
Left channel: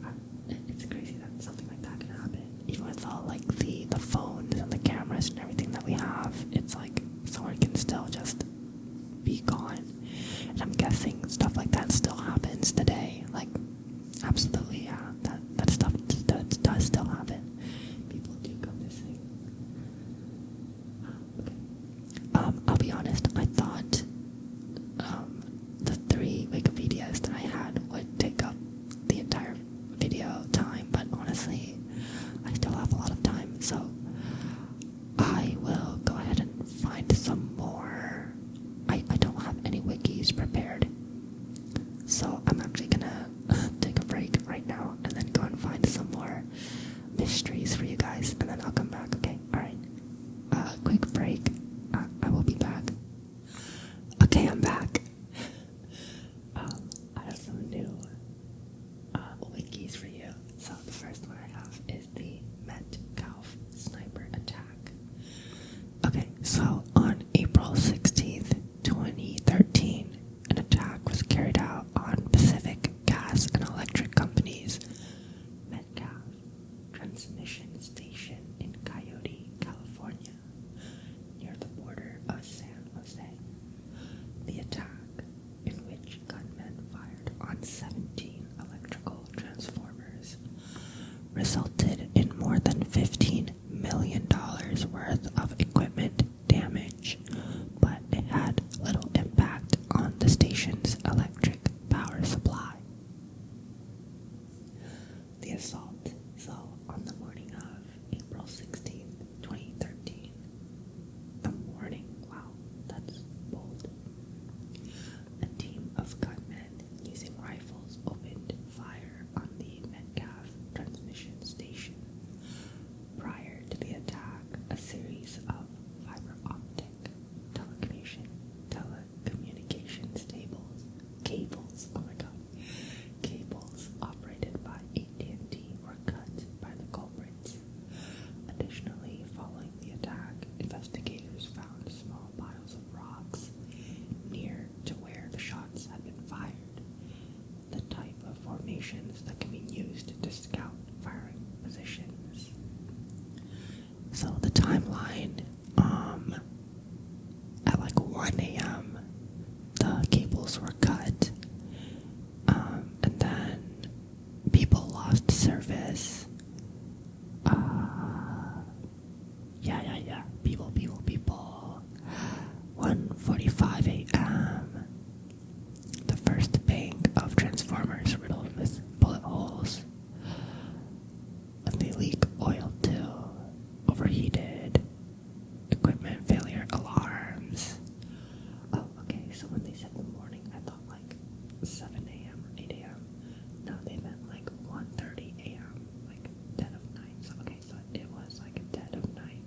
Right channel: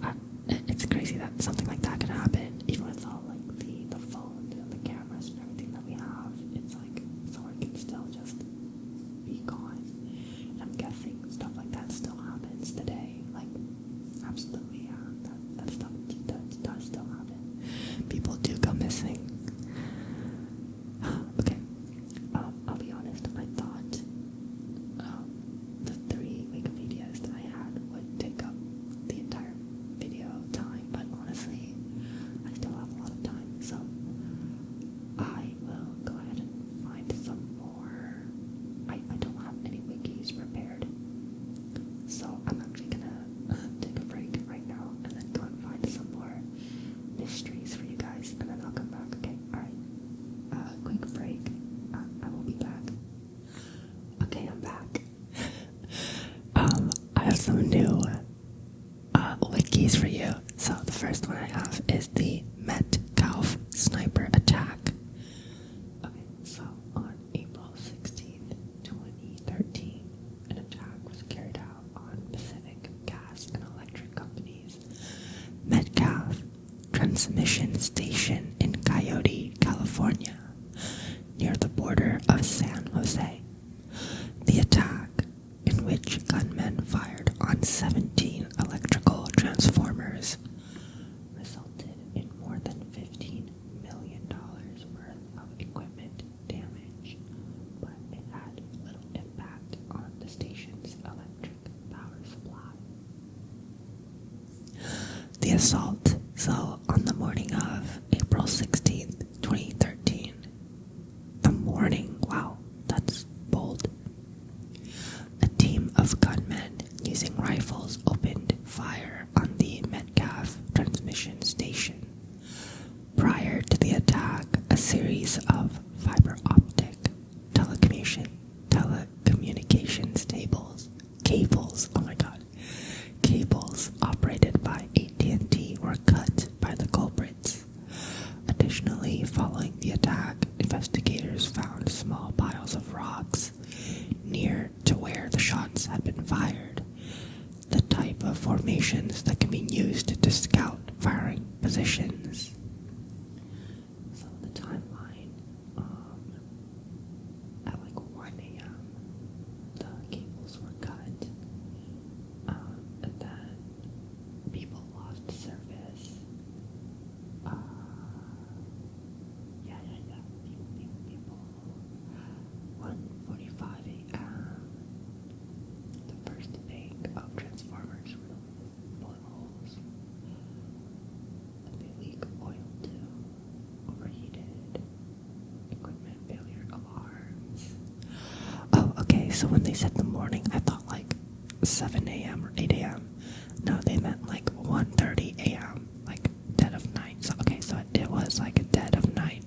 it's crazy that something like that can happen, even with all, the phones and the cameras and everything that we have. It's like, someone can still just be gone. And I'm guessing stuff like that still happens today. Absolutely, yeah, that stuff does still happen. People do go missing. Okay. I'll be honest, I thought the 3 Wikipedias that I had would take up the entire video time, but honestly, I still have a lot of time, so I will go ahead and find some more. I don't have any wikis prepared, so I'm actually gonna take a break right now and then go and find some more mysteries for you guys, and then I'll come back, okay? Alright. Quick break. I will be back. Okay, I'm back. I have some new wikis for you. So the first one I have is the Metcalf sniper attack. Okay, so on April 16th, 2013, an attack was carried out on Pacific Gas and Electric Company's Metcalf transmission station in Coyote, California, near the border of San Jose. The attack, in which gunmen fired on 17 electrical transformers, resulted in more than $15 million worth of equipment damage, but it had little impact on the station's electric power supply. The assault, so on the morning of April 16th, 2013, the morning, wow, that's bold. A team of gunmen using rifles opened fire on the Metcalf transmission station. Prior to the attack, a series of fiber optic telecommunications cables operated by AT&T were cut by the culprits. Additionally, following the attack, investigators found small piles of rocks near to where the shots had been fired, the type of formations that can be used to scout firing positions. So the timeline, at 1 a.m., the cables were cut, and then people lost service. People. 1:45 a.m., the first bank of transformers riddled with bullet holes, and they leak oil too. Overheated. Equipment failure alarms. Oh, okay, so when they said the morning, I thought 7 a.m. or 8 a.m. No, they meant 1:30 a.m., dead of night. So, okay, so it was dead of night.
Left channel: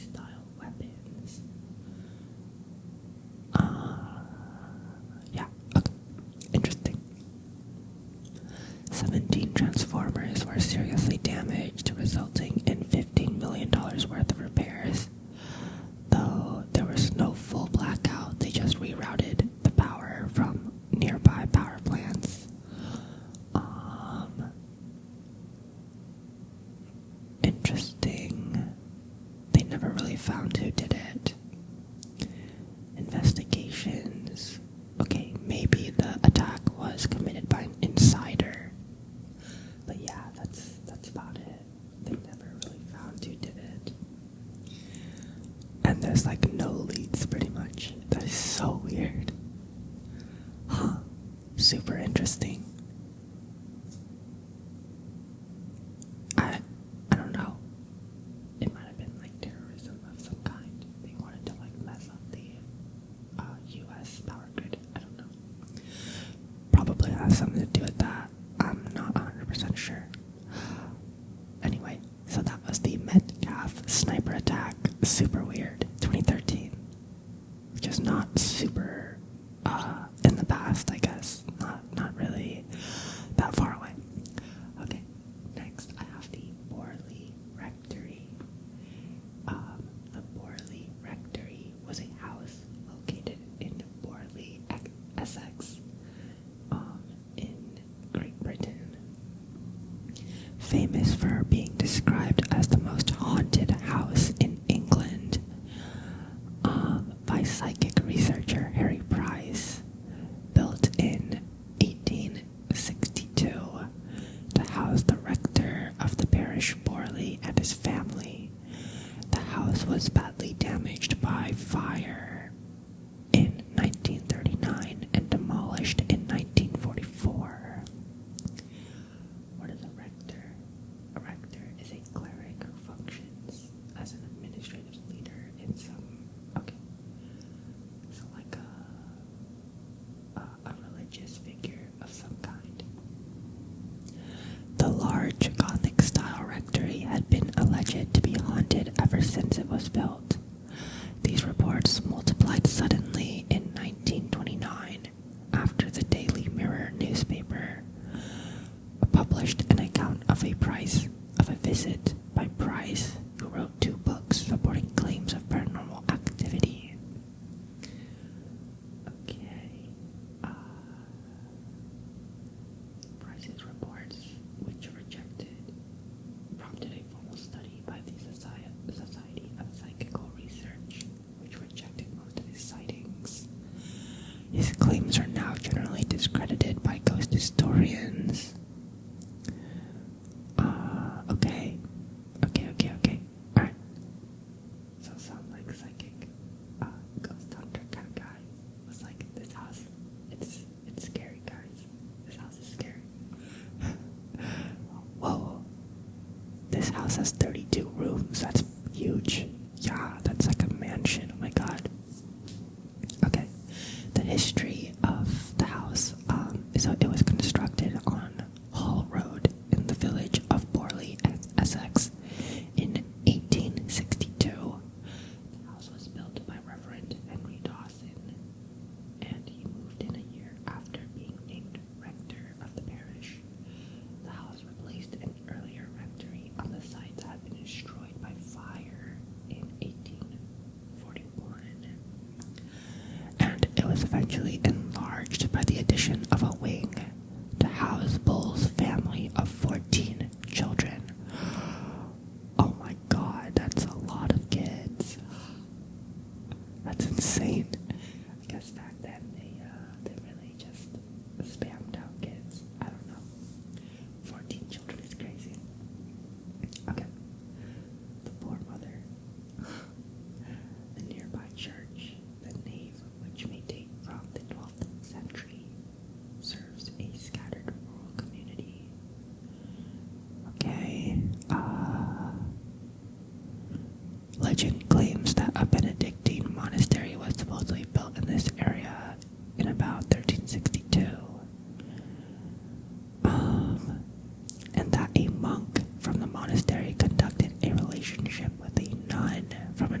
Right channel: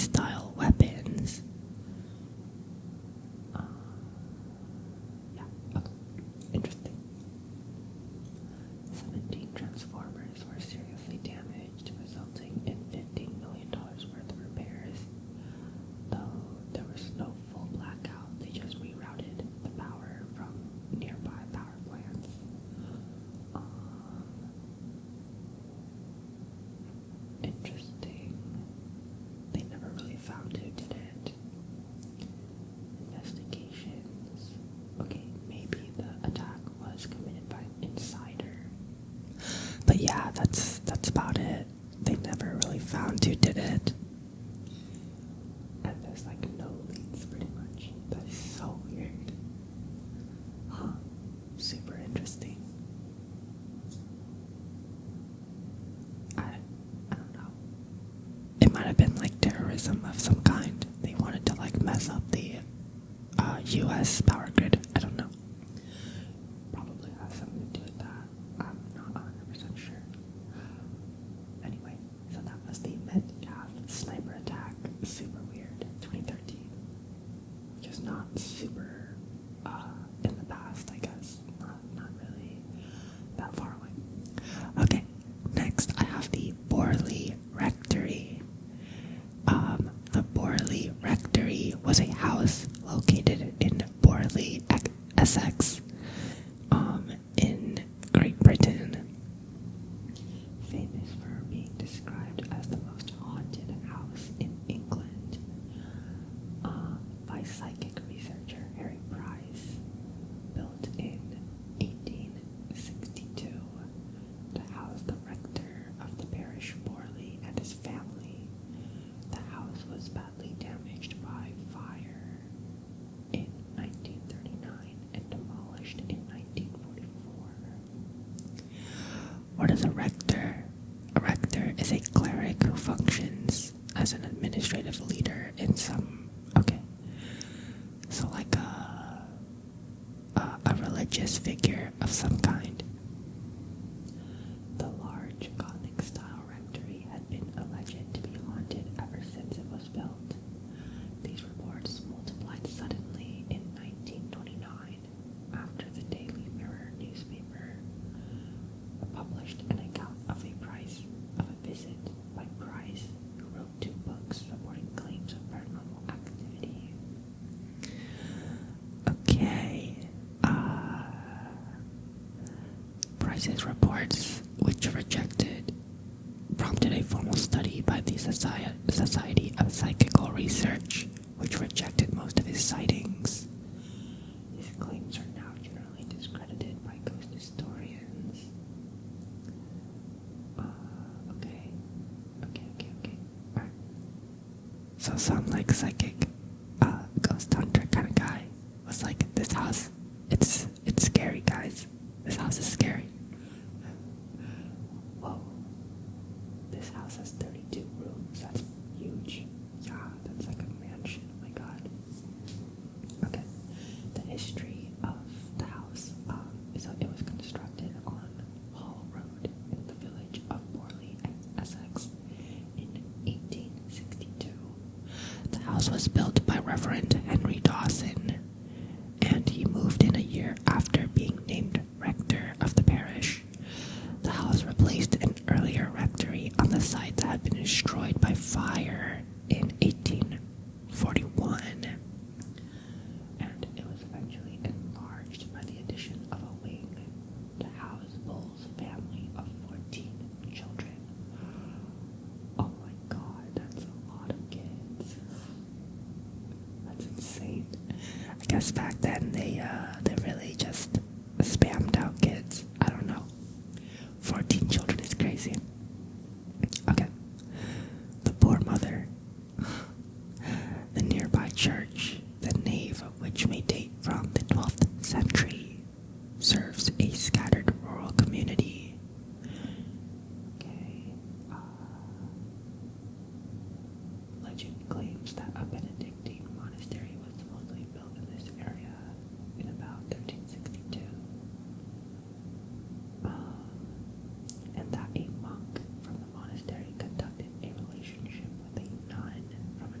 style weapons. Yeah, okay, interesting. 17 transformers were seriously damaged, resulting in $15 million worth of repairs. Though there was no full blackout, they just rerouted the power from nearby power plants. Interesting. They never really found who did it. Investigations. Okay, maybe the attack was committed by an insider. But yeah, that's about it. They never really found who did it. And there's like no leads pretty much. That is so weird. Huh. Super interesting. I don't know. It might have been like terrorism of some kind. They wanted to like mess up the US power grid. I don't know. Probably has something to do with that. I'm not 100% sure. Anyway, so that was the Metcalf sniper attack. Super weird. 2013. Just not super in the past, I guess. Not really that far away. Okay, next I have the Borley rectory. The Borley rectory was a house located in Borley, Essex, in Great Britain. Famous for being described as the most haunted house in England by psychic researcher Harry Price. Built in 1862 to house the rector of the parish Borley and his family. The house was badly damaged by fire in 1939 and demolished in 1944. What is a rector? A rector is a cleric who functions as an administrative leader in some... Okay. So like a religious figure of some kind. The large Gothic-style rectory had been alleged to be haunted ever since it was built. These reports multiplied suddenly in 1929 after the Daily Mirror newspaper published an account of a visit by Price, who wrote 2 books reporting claims of paranormal activity. Okay, Price's reports, which prompted a formal study by the Society of Psychical Research, which rejected most of his sightings. His claims are now generally discredited by ghost historians. Okay. Alright. So some like psychic ghost hunter kind of guy was like, this house, it's scary, guys. This house is scary. Whoa. This house has 32 rooms. That's huge. Yeah, that's like a mansion. Oh my god. Okay. The history of the house is that it was constructed on Hall Road in the village of Borley, Essex, in 1862. The house was built by Reverend Henry Dawson, and he moved in a year after being named rector of the parish. The house replaced an earlier rectory on the site that had been destroyed by fire in 1841, and it was eventually enlarged by the addition of a wing to house Bull's family of 14 children. Oh my god, that's a lot of kids. That's insane. I guess back then they really just spammed out kids. I don't know. 14 children is crazy. Okay. The poor mother. The nearby church, the nave of which may date from the 12th century, serves a scattered rural community. Okay. Legend claims that a Benedictine monastery was supposedly built in this area in about 1362. And that a monk from the monastery conducted a relationship with a nun from a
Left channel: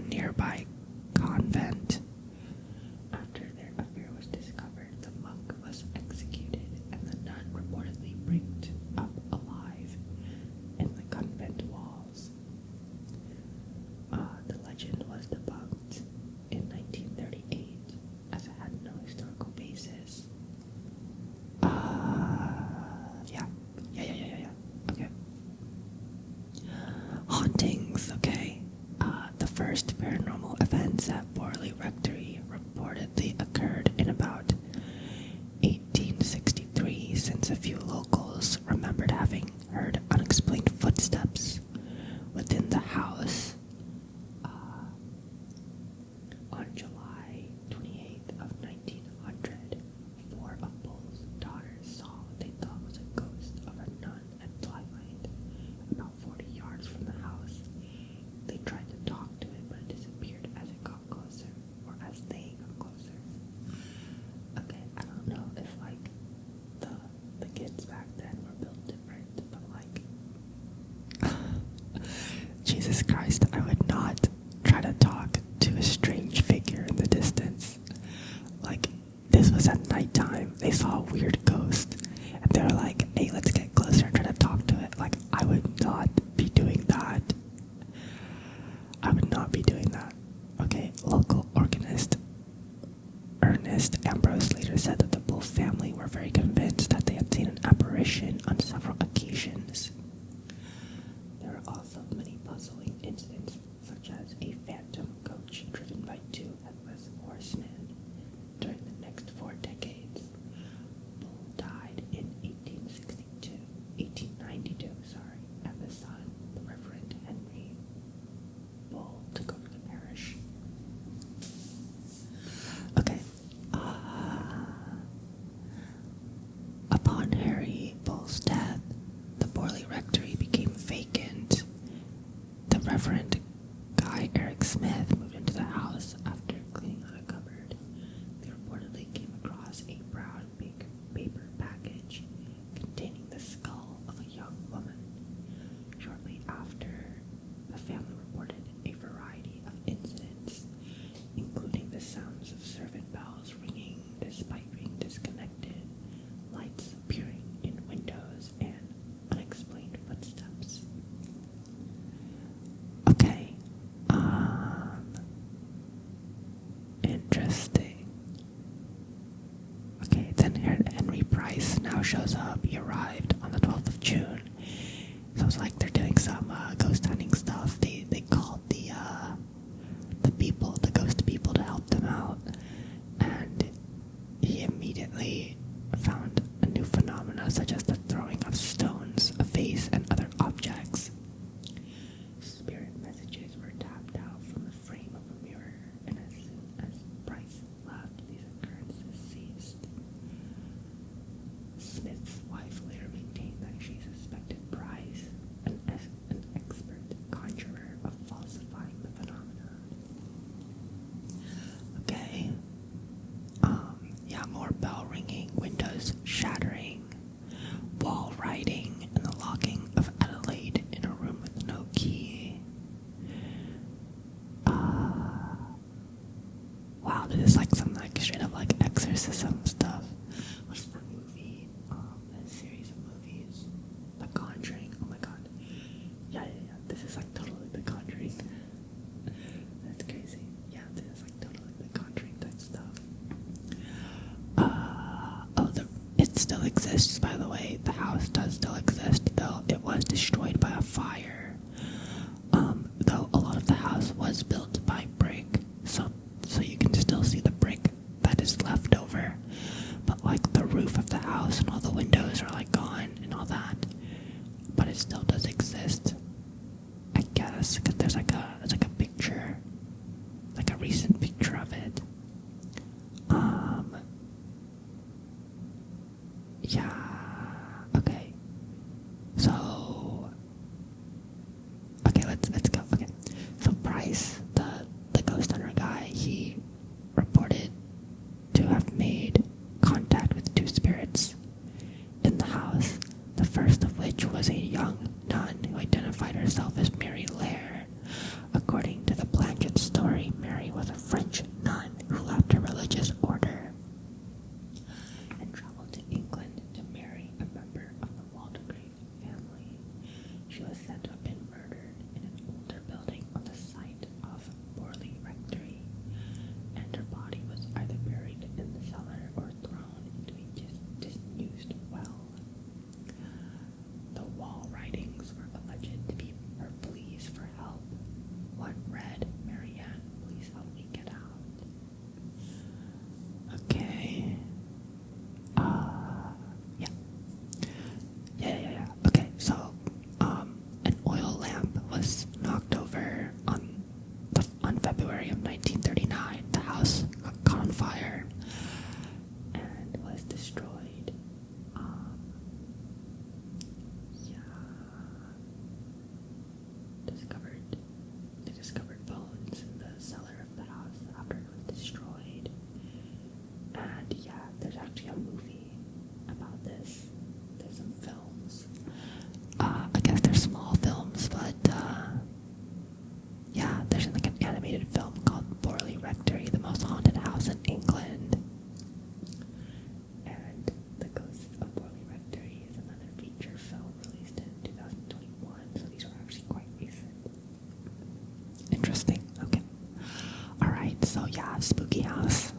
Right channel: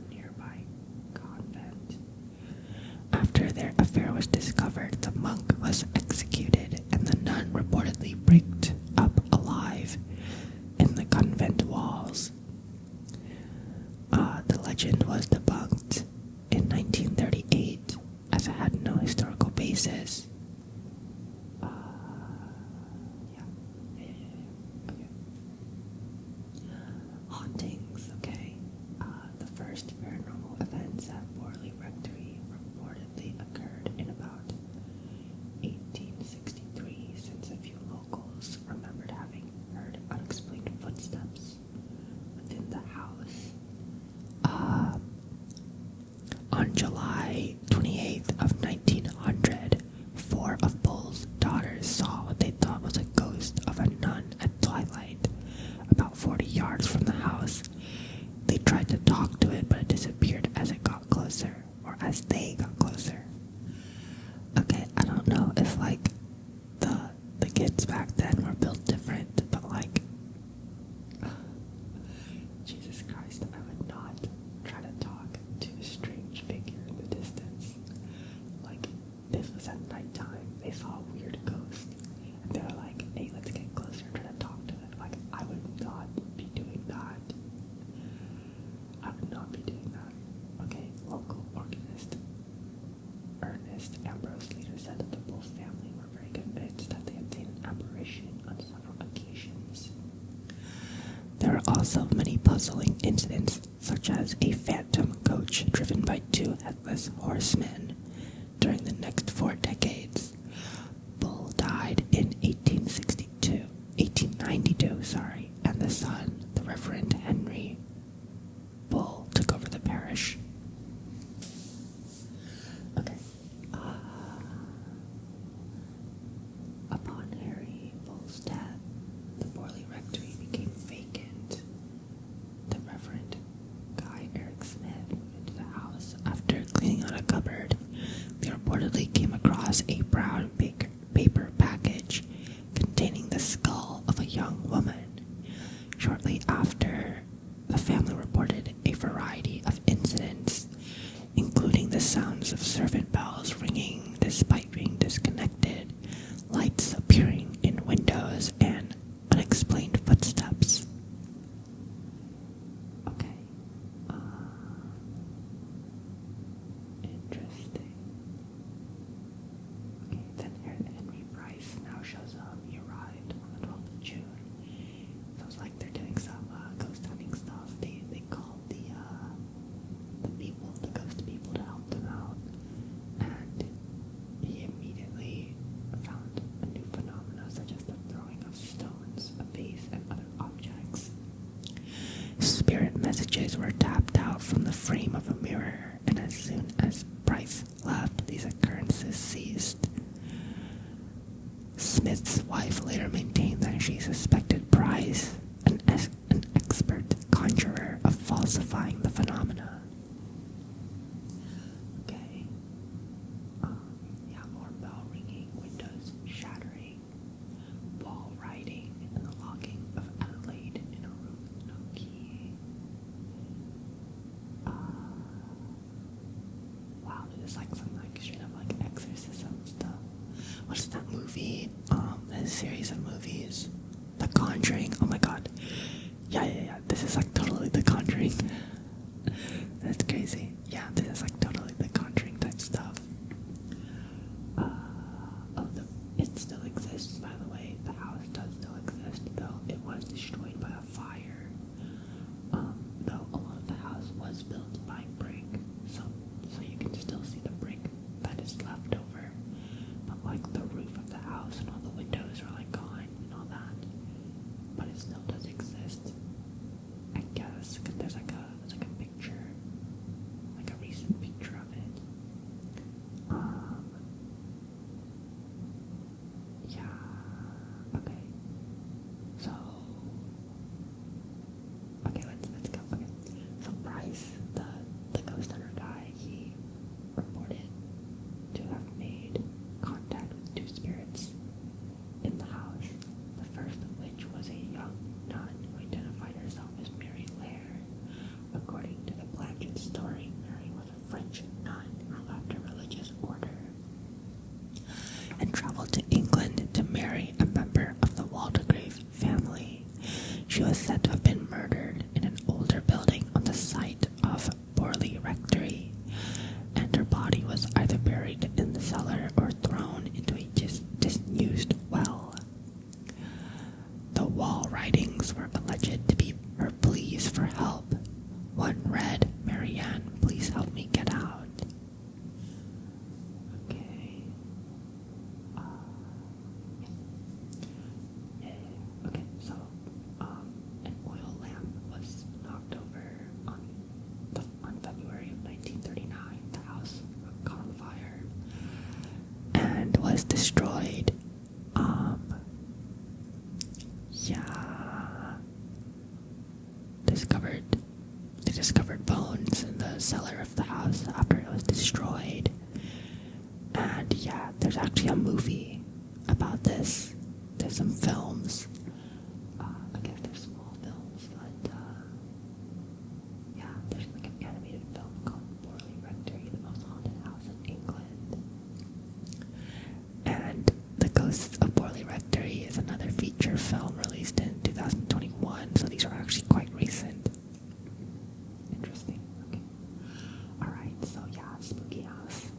legend was debunked in 1938 as it had no historical basis. Okay. Hauntings, okay. The first paranormal events at Borley Rectory reportedly occurred in about 1863, since a few locals remembered having heard unexplained footsteps within the house. On July 28th of 1900, 4 of Bull's daughters saw what they thought was a ghost of a nun at twilight, about 40 yards from the house. They tried to talk to it, but it disappeared as it got closer, or as they got closer. Okay, I don't know if, like, the kids back then were built different, but, like, Jesus Christ, I would not try to talk to a strange figure in the distance. Like, this was at nighttime. They saw a weird ghost, and they were like, hey, let's get closer and try to talk to it. Like, I would not be doing that. I would not be doing that. Okay, local organist Ernest Ambrose later said that the Bull family were very convinced that they had seen an apparition on several occasions. There are also many puzzling incidents, such as a phantom coach driven by 2 headless horsemen during the next 4 decades. Bull died in 1892, and the son, the Reverend Henry Bull, took over the parish. Okay. Upon Harry Bull's death, the Borley Rectory became vacant. The Reverend Guy Eric Smith moved into the house after cleaning out a cupboard. They reportedly came across a brown paper package containing the skull of a young woman. Shortly after, the family reported a variety of incidents, including the sounds of servant bells ringing despite being disconnected, lights appearing in windows, and unexplained footsteps. Okay. Interesting. Okay, then Henry Price now shows up. He arrived on the 12th of June. So it's like they're doing some ghost hunting stuff. They called the ghost people to help them out. And he immediately found a new phenomena, such as the throwing of stones, a vase, and other objects. Spirit messages were tapped out from the frame of a mirror, and as soon as Price left, these occurrences ceased. Smith's wife later maintained that she suspected Price, an expert conjurer, of falsifying the phenomena. Okay. More bell ringing, windows shattering, wall writing, and the locking of Adelaide in a room with no key. Wow, this is like some straight up like exorcism stuff. What's that movie? That series of movies. The Conjuring. Oh my god. Yeah. This is like totally The Conjuring. That's crazy. Yeah, this is like totally The Conjuring type stuff. It still exists, by the way. The house does still exist, though it was destroyed by a fire. Though a lot of the house was built by brick, so you can still see the brick that is left over. But like the roof of the house and all the windows are like gone and all that. But it still does exist, I guess, because there's like a picture, like a recent picture of it. Yeah. Okay. So of 1939, the house caught on fire and was destroyed. They discovered bones in the cellar of the house after it was destroyed. And yeah, there's actually a movie about this. There's some films. I guess they're small films, but yeah, there's like an animated film called Borley Rectory, the most haunted house in England. And The Ghosts of Borley Rectory is another feature film released in 2021, so these are actually quite recent. Interesting. Okay. Alright, so yeah, spooky house.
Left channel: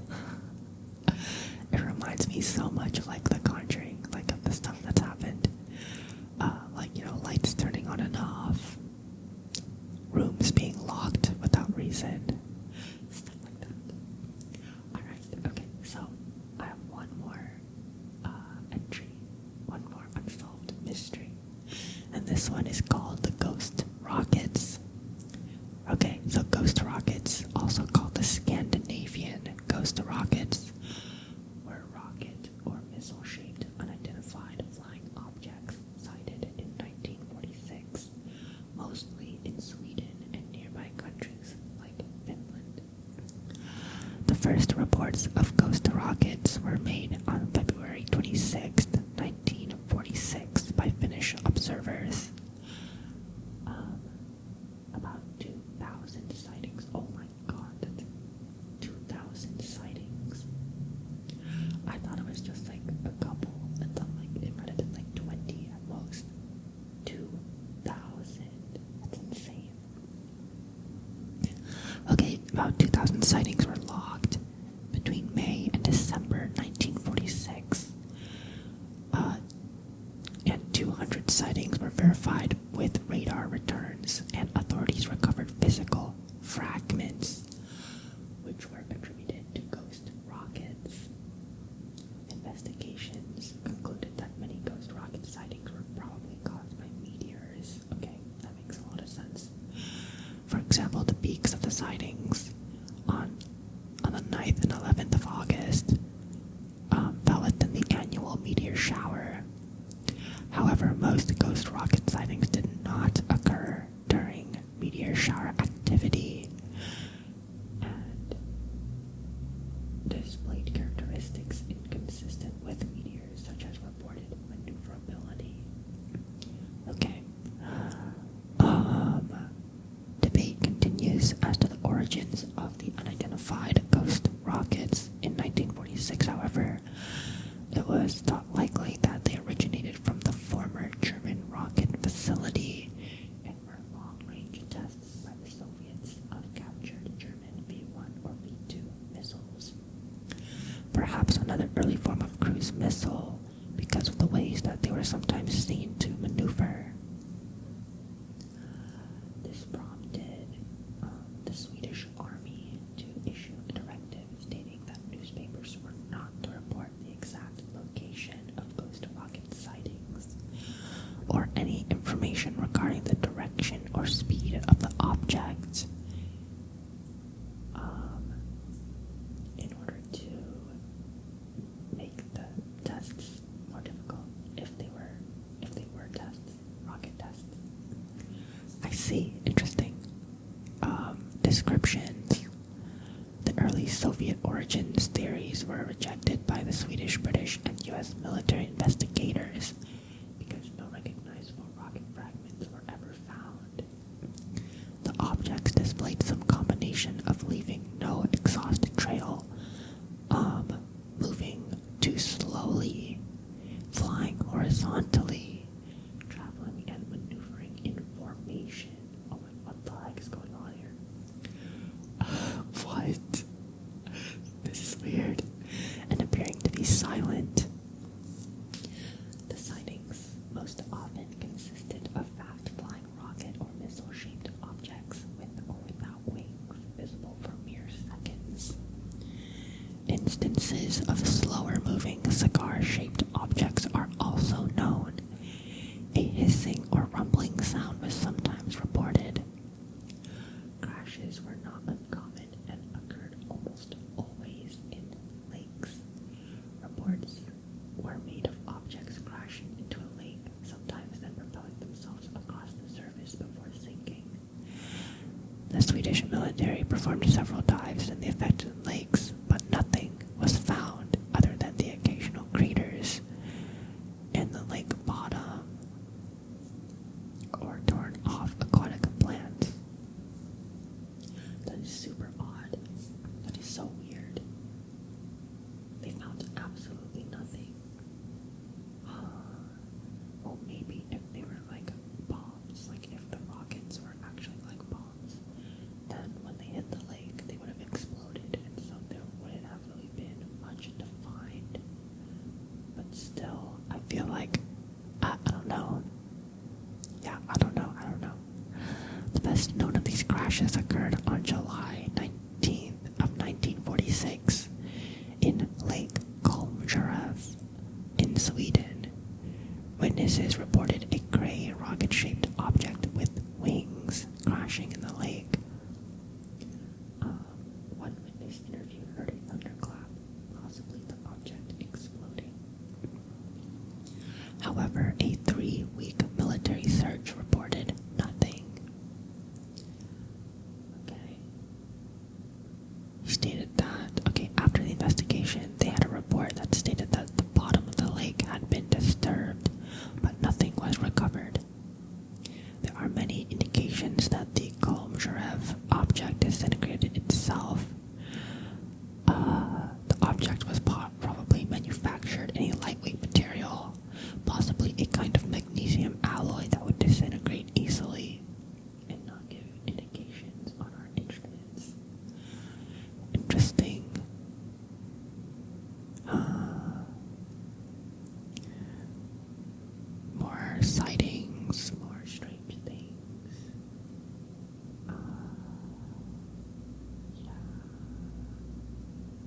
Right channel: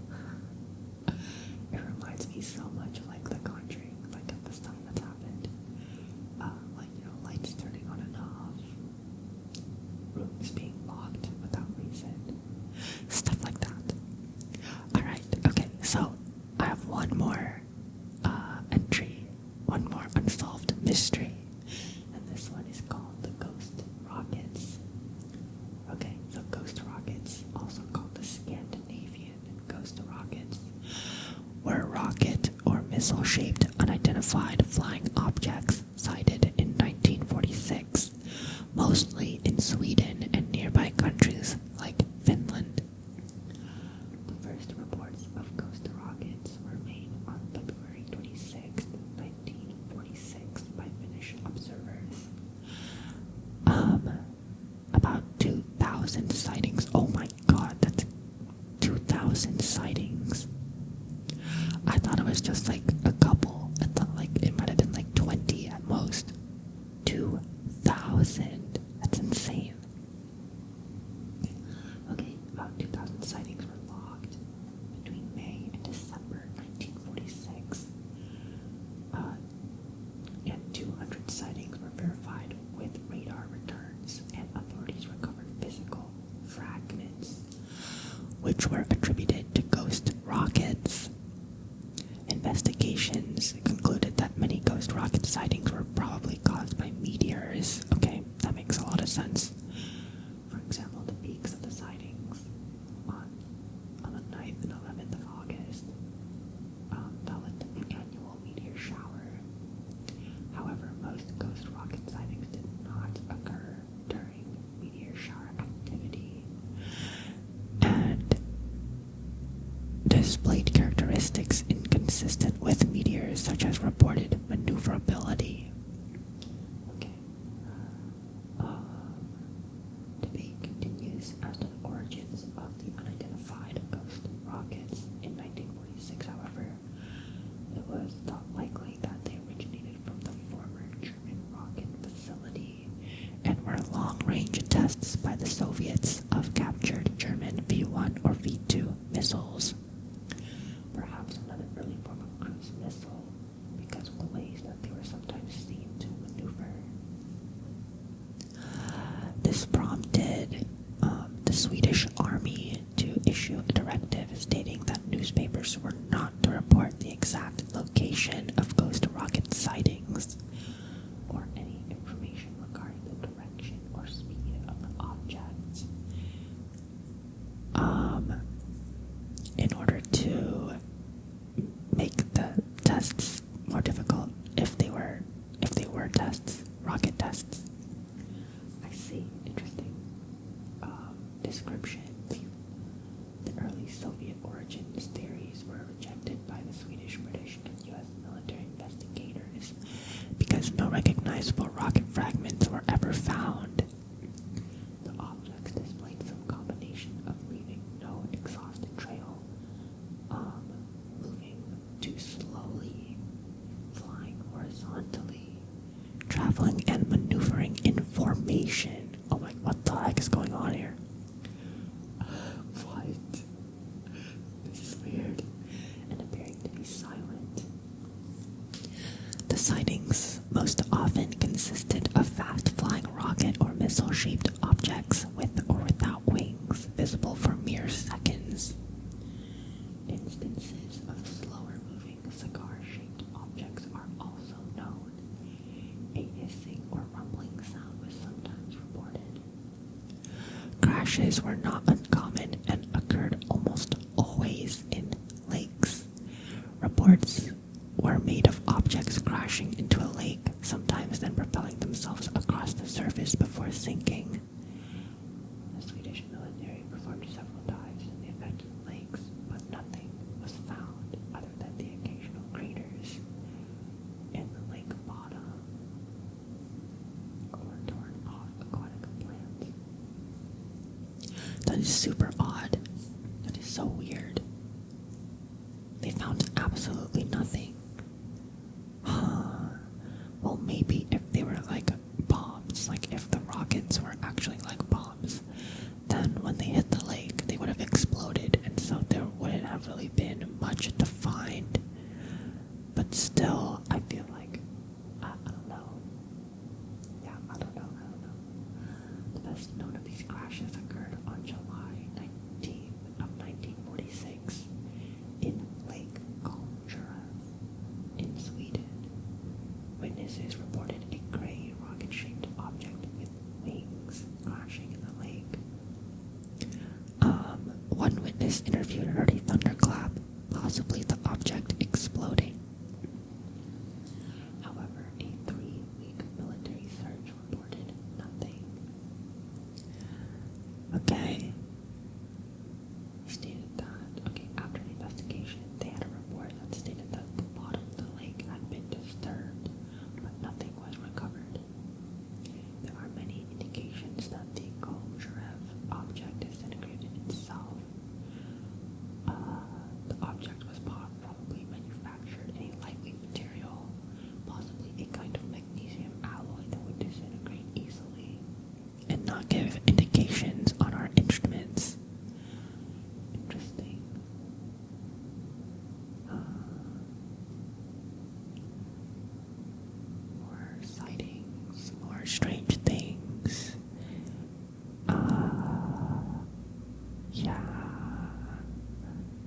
It reminds me so much of like The Conjuring, like of the stuff that's happened. Like, you know, lights turning on and off, rooms being locked without reason, stuff like that. Alright, okay, so I have one more entry, one more unsolved mystery, and this one is called the Ghost Rockets. Okay, so ghost rockets, also called the Scandinavian ghost rockets, were rocket or missile-shaped unidentified flying objects sighted in 1946, mostly in Sweden and nearby countries like Finland. The first reports of ghost rockets were made on February 26, 1946 by Finnish observers. About 2,000 sightings. Oh my god, that's 2,000 sightings. I thought it was just like a couple. I thought like it might have been like 20 at most. 2,000. That's insane. Okay, about 2,000 sightings were logged between May and December 1946. And 200 sightings were verified with radar returns, and authorities recovered physical fragments, which were attributed to ghost rockets. Investigations concluded that many ghost rocket sightings were probably caused by meteors. Okay, that makes a lot of sense. For example, the peaks of the sightings on the 9th and 11th of August fell within the annual meteor shower. However, most ghost rocket sightings did not occur during meteor shower activity and displayed characteristics inconsistent with meteors, such as reported maneuverability. Okay. Debate continues as to the origins of the unidentified ghost rockets. In 1946, however, it was thought likely that they originated from the former German rocket facility and were long-range tests by the Soviets of captured German V-1 or V-2 missiles. Perhaps another early form of cruise missile, because of the ways that they were sometimes seen to maneuver. This prompted the Swedish army to issue a directive stating that newspapers were not to report the exact location of ghost rocket sightings or any information regarding the direction or speed of the object, in order to make the tests more difficult if they were tests, rocket tests. I see. Interesting. Descriptions. The early Soviet origins theories were rejected by the Swedish, British, and U.S. military investigators because no recognizable rocket fragments were ever found. The objects displayed some combination of leaving no exhaust trail, moving too slowly, flying horizontally, traveling and maneuvering in formation. Oh my, what the heck is going on here? What? This is weird. And appearing to be silent. The sightings most often consisted of fast-flying rocket or missile-shaped objects with or without wings visible reports were made of objects crashing into a lake, sometimes then propelling themselves across the surface before sinking. The Swedish military performed several dives in the affected lakes, but nothing was found other than the occasional craters in the lake bottom or torn off aquatic plants. That is super odd. That is so weird. They found absolutely nothing. Well, maybe if they were like bombs, like if the rockets were actually like bombs, then when they hit the lake, they would have exploded, and so there wouldn't have really been much to find. But still, I feel like, I don't know. Yeah, I don't know. The best known of these crashes occurred on July 19th of 1946 in Lake Koecher in Sweden. Witnesses reported a gray rocket-shaped object with wings crashing in the lake. One witness interviewed heard a thunderclap, possibly the object exploding. However, a 3-week military search reported nothing. Okay. He stated that, after the investigation, they had a report that stated that the bottom of the lake had been disturbed, but nothing was recovered. There are many indications that the Koecher object disintegrated itself. The object was probably manufactured in a lightweight material, possibly a kind of magnesium alloy that would disintegrate easily and not give indications on our instruments. Interesting. More sightings, more strange things. Yeah.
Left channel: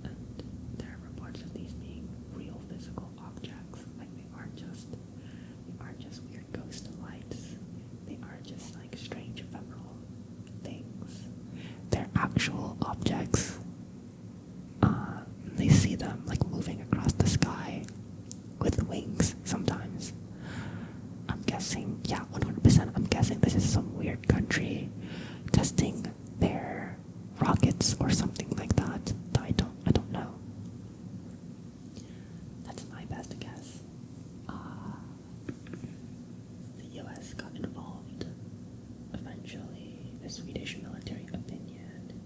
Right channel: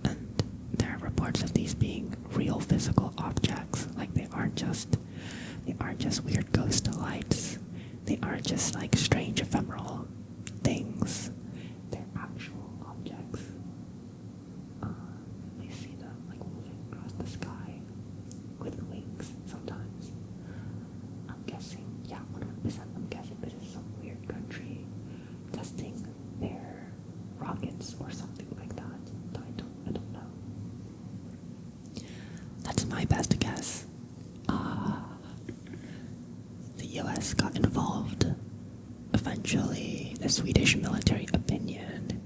And there are reports of these being real physical objects. Like they aren't just weird ghost lights. They aren't just like strange ephemeral things. They're actual objects. They see them like moving across the sky with wings sometimes. I'm guessing, 100%, I'm guessing this is some weird country testing their rockets or something like that. I don't know. That's my best guess. The US got involved. Eventually, the Swedish military opinion.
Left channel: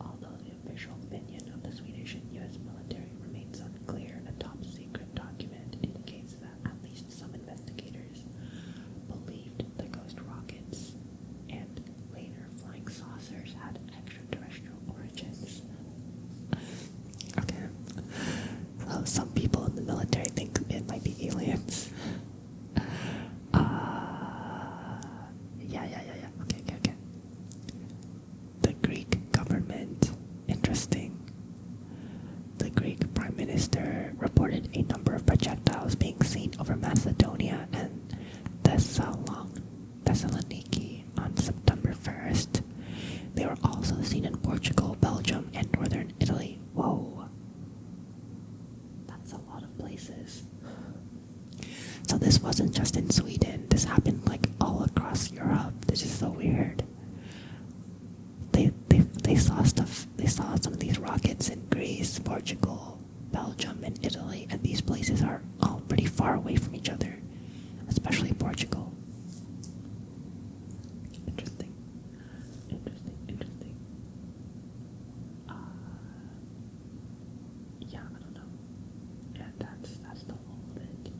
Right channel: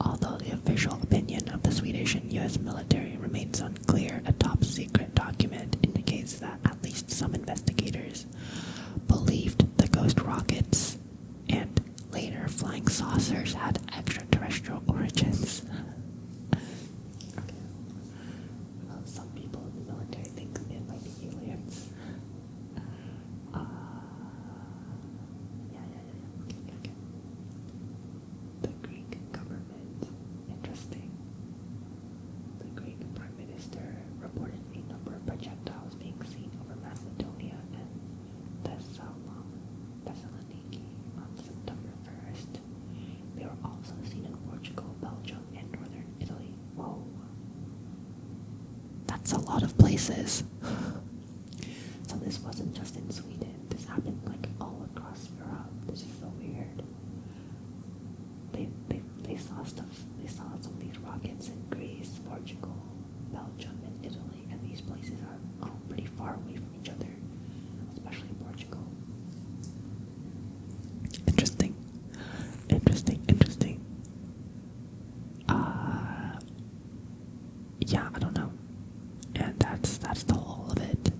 Although the official opinion of the Swedish and US military remains unclear, a top secret document indicates that at least some investigators believed the ghost rockets and later flying saucers had extraterrestrial origins. Okay. So some people in the military think it might be aliens. Okay. The Greek government. Interesting. The Greek Prime Minister reported a number of projectiles being seen over Macedonia and Thessaloniki on September 1st. They were also seen in Portugal, Belgium, and northern Italy. Whoa. That's a lot of places. So this wasn't just in Sweden. This happened like all across Europe. This is so weird. They saw stuff. They saw some of these rockets in Greece, Portugal, Belgium, and Italy, and these places are all pretty far away from each other, especially Portugal. Interesting. I don't know. And that's the whole of it.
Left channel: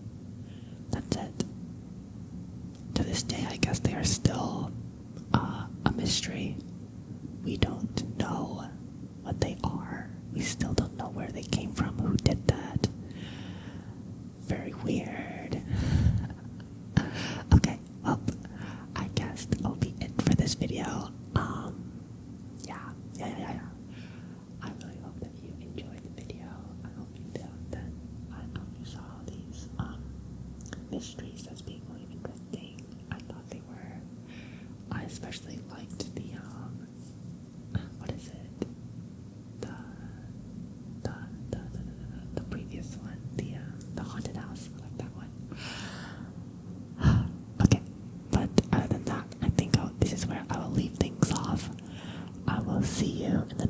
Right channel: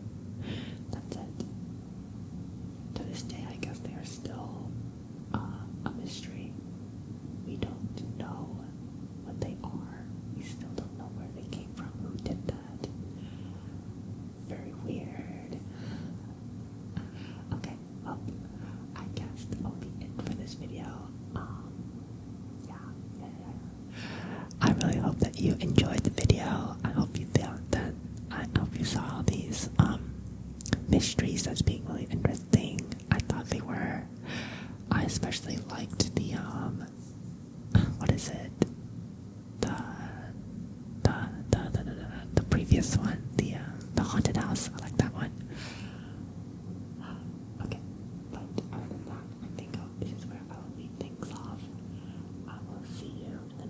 That's it. To this day, I guess they are still a mystery. We don't know what they are. We still don't know where they came from, who did that. Very weird. Okay, well, I guess that'll be it for this video. Yeah. I really hope that you enjoyed the video. I hope you saw these mysteries as being really interesting. I thought they were. I especially liked the what is it? off. I will see you in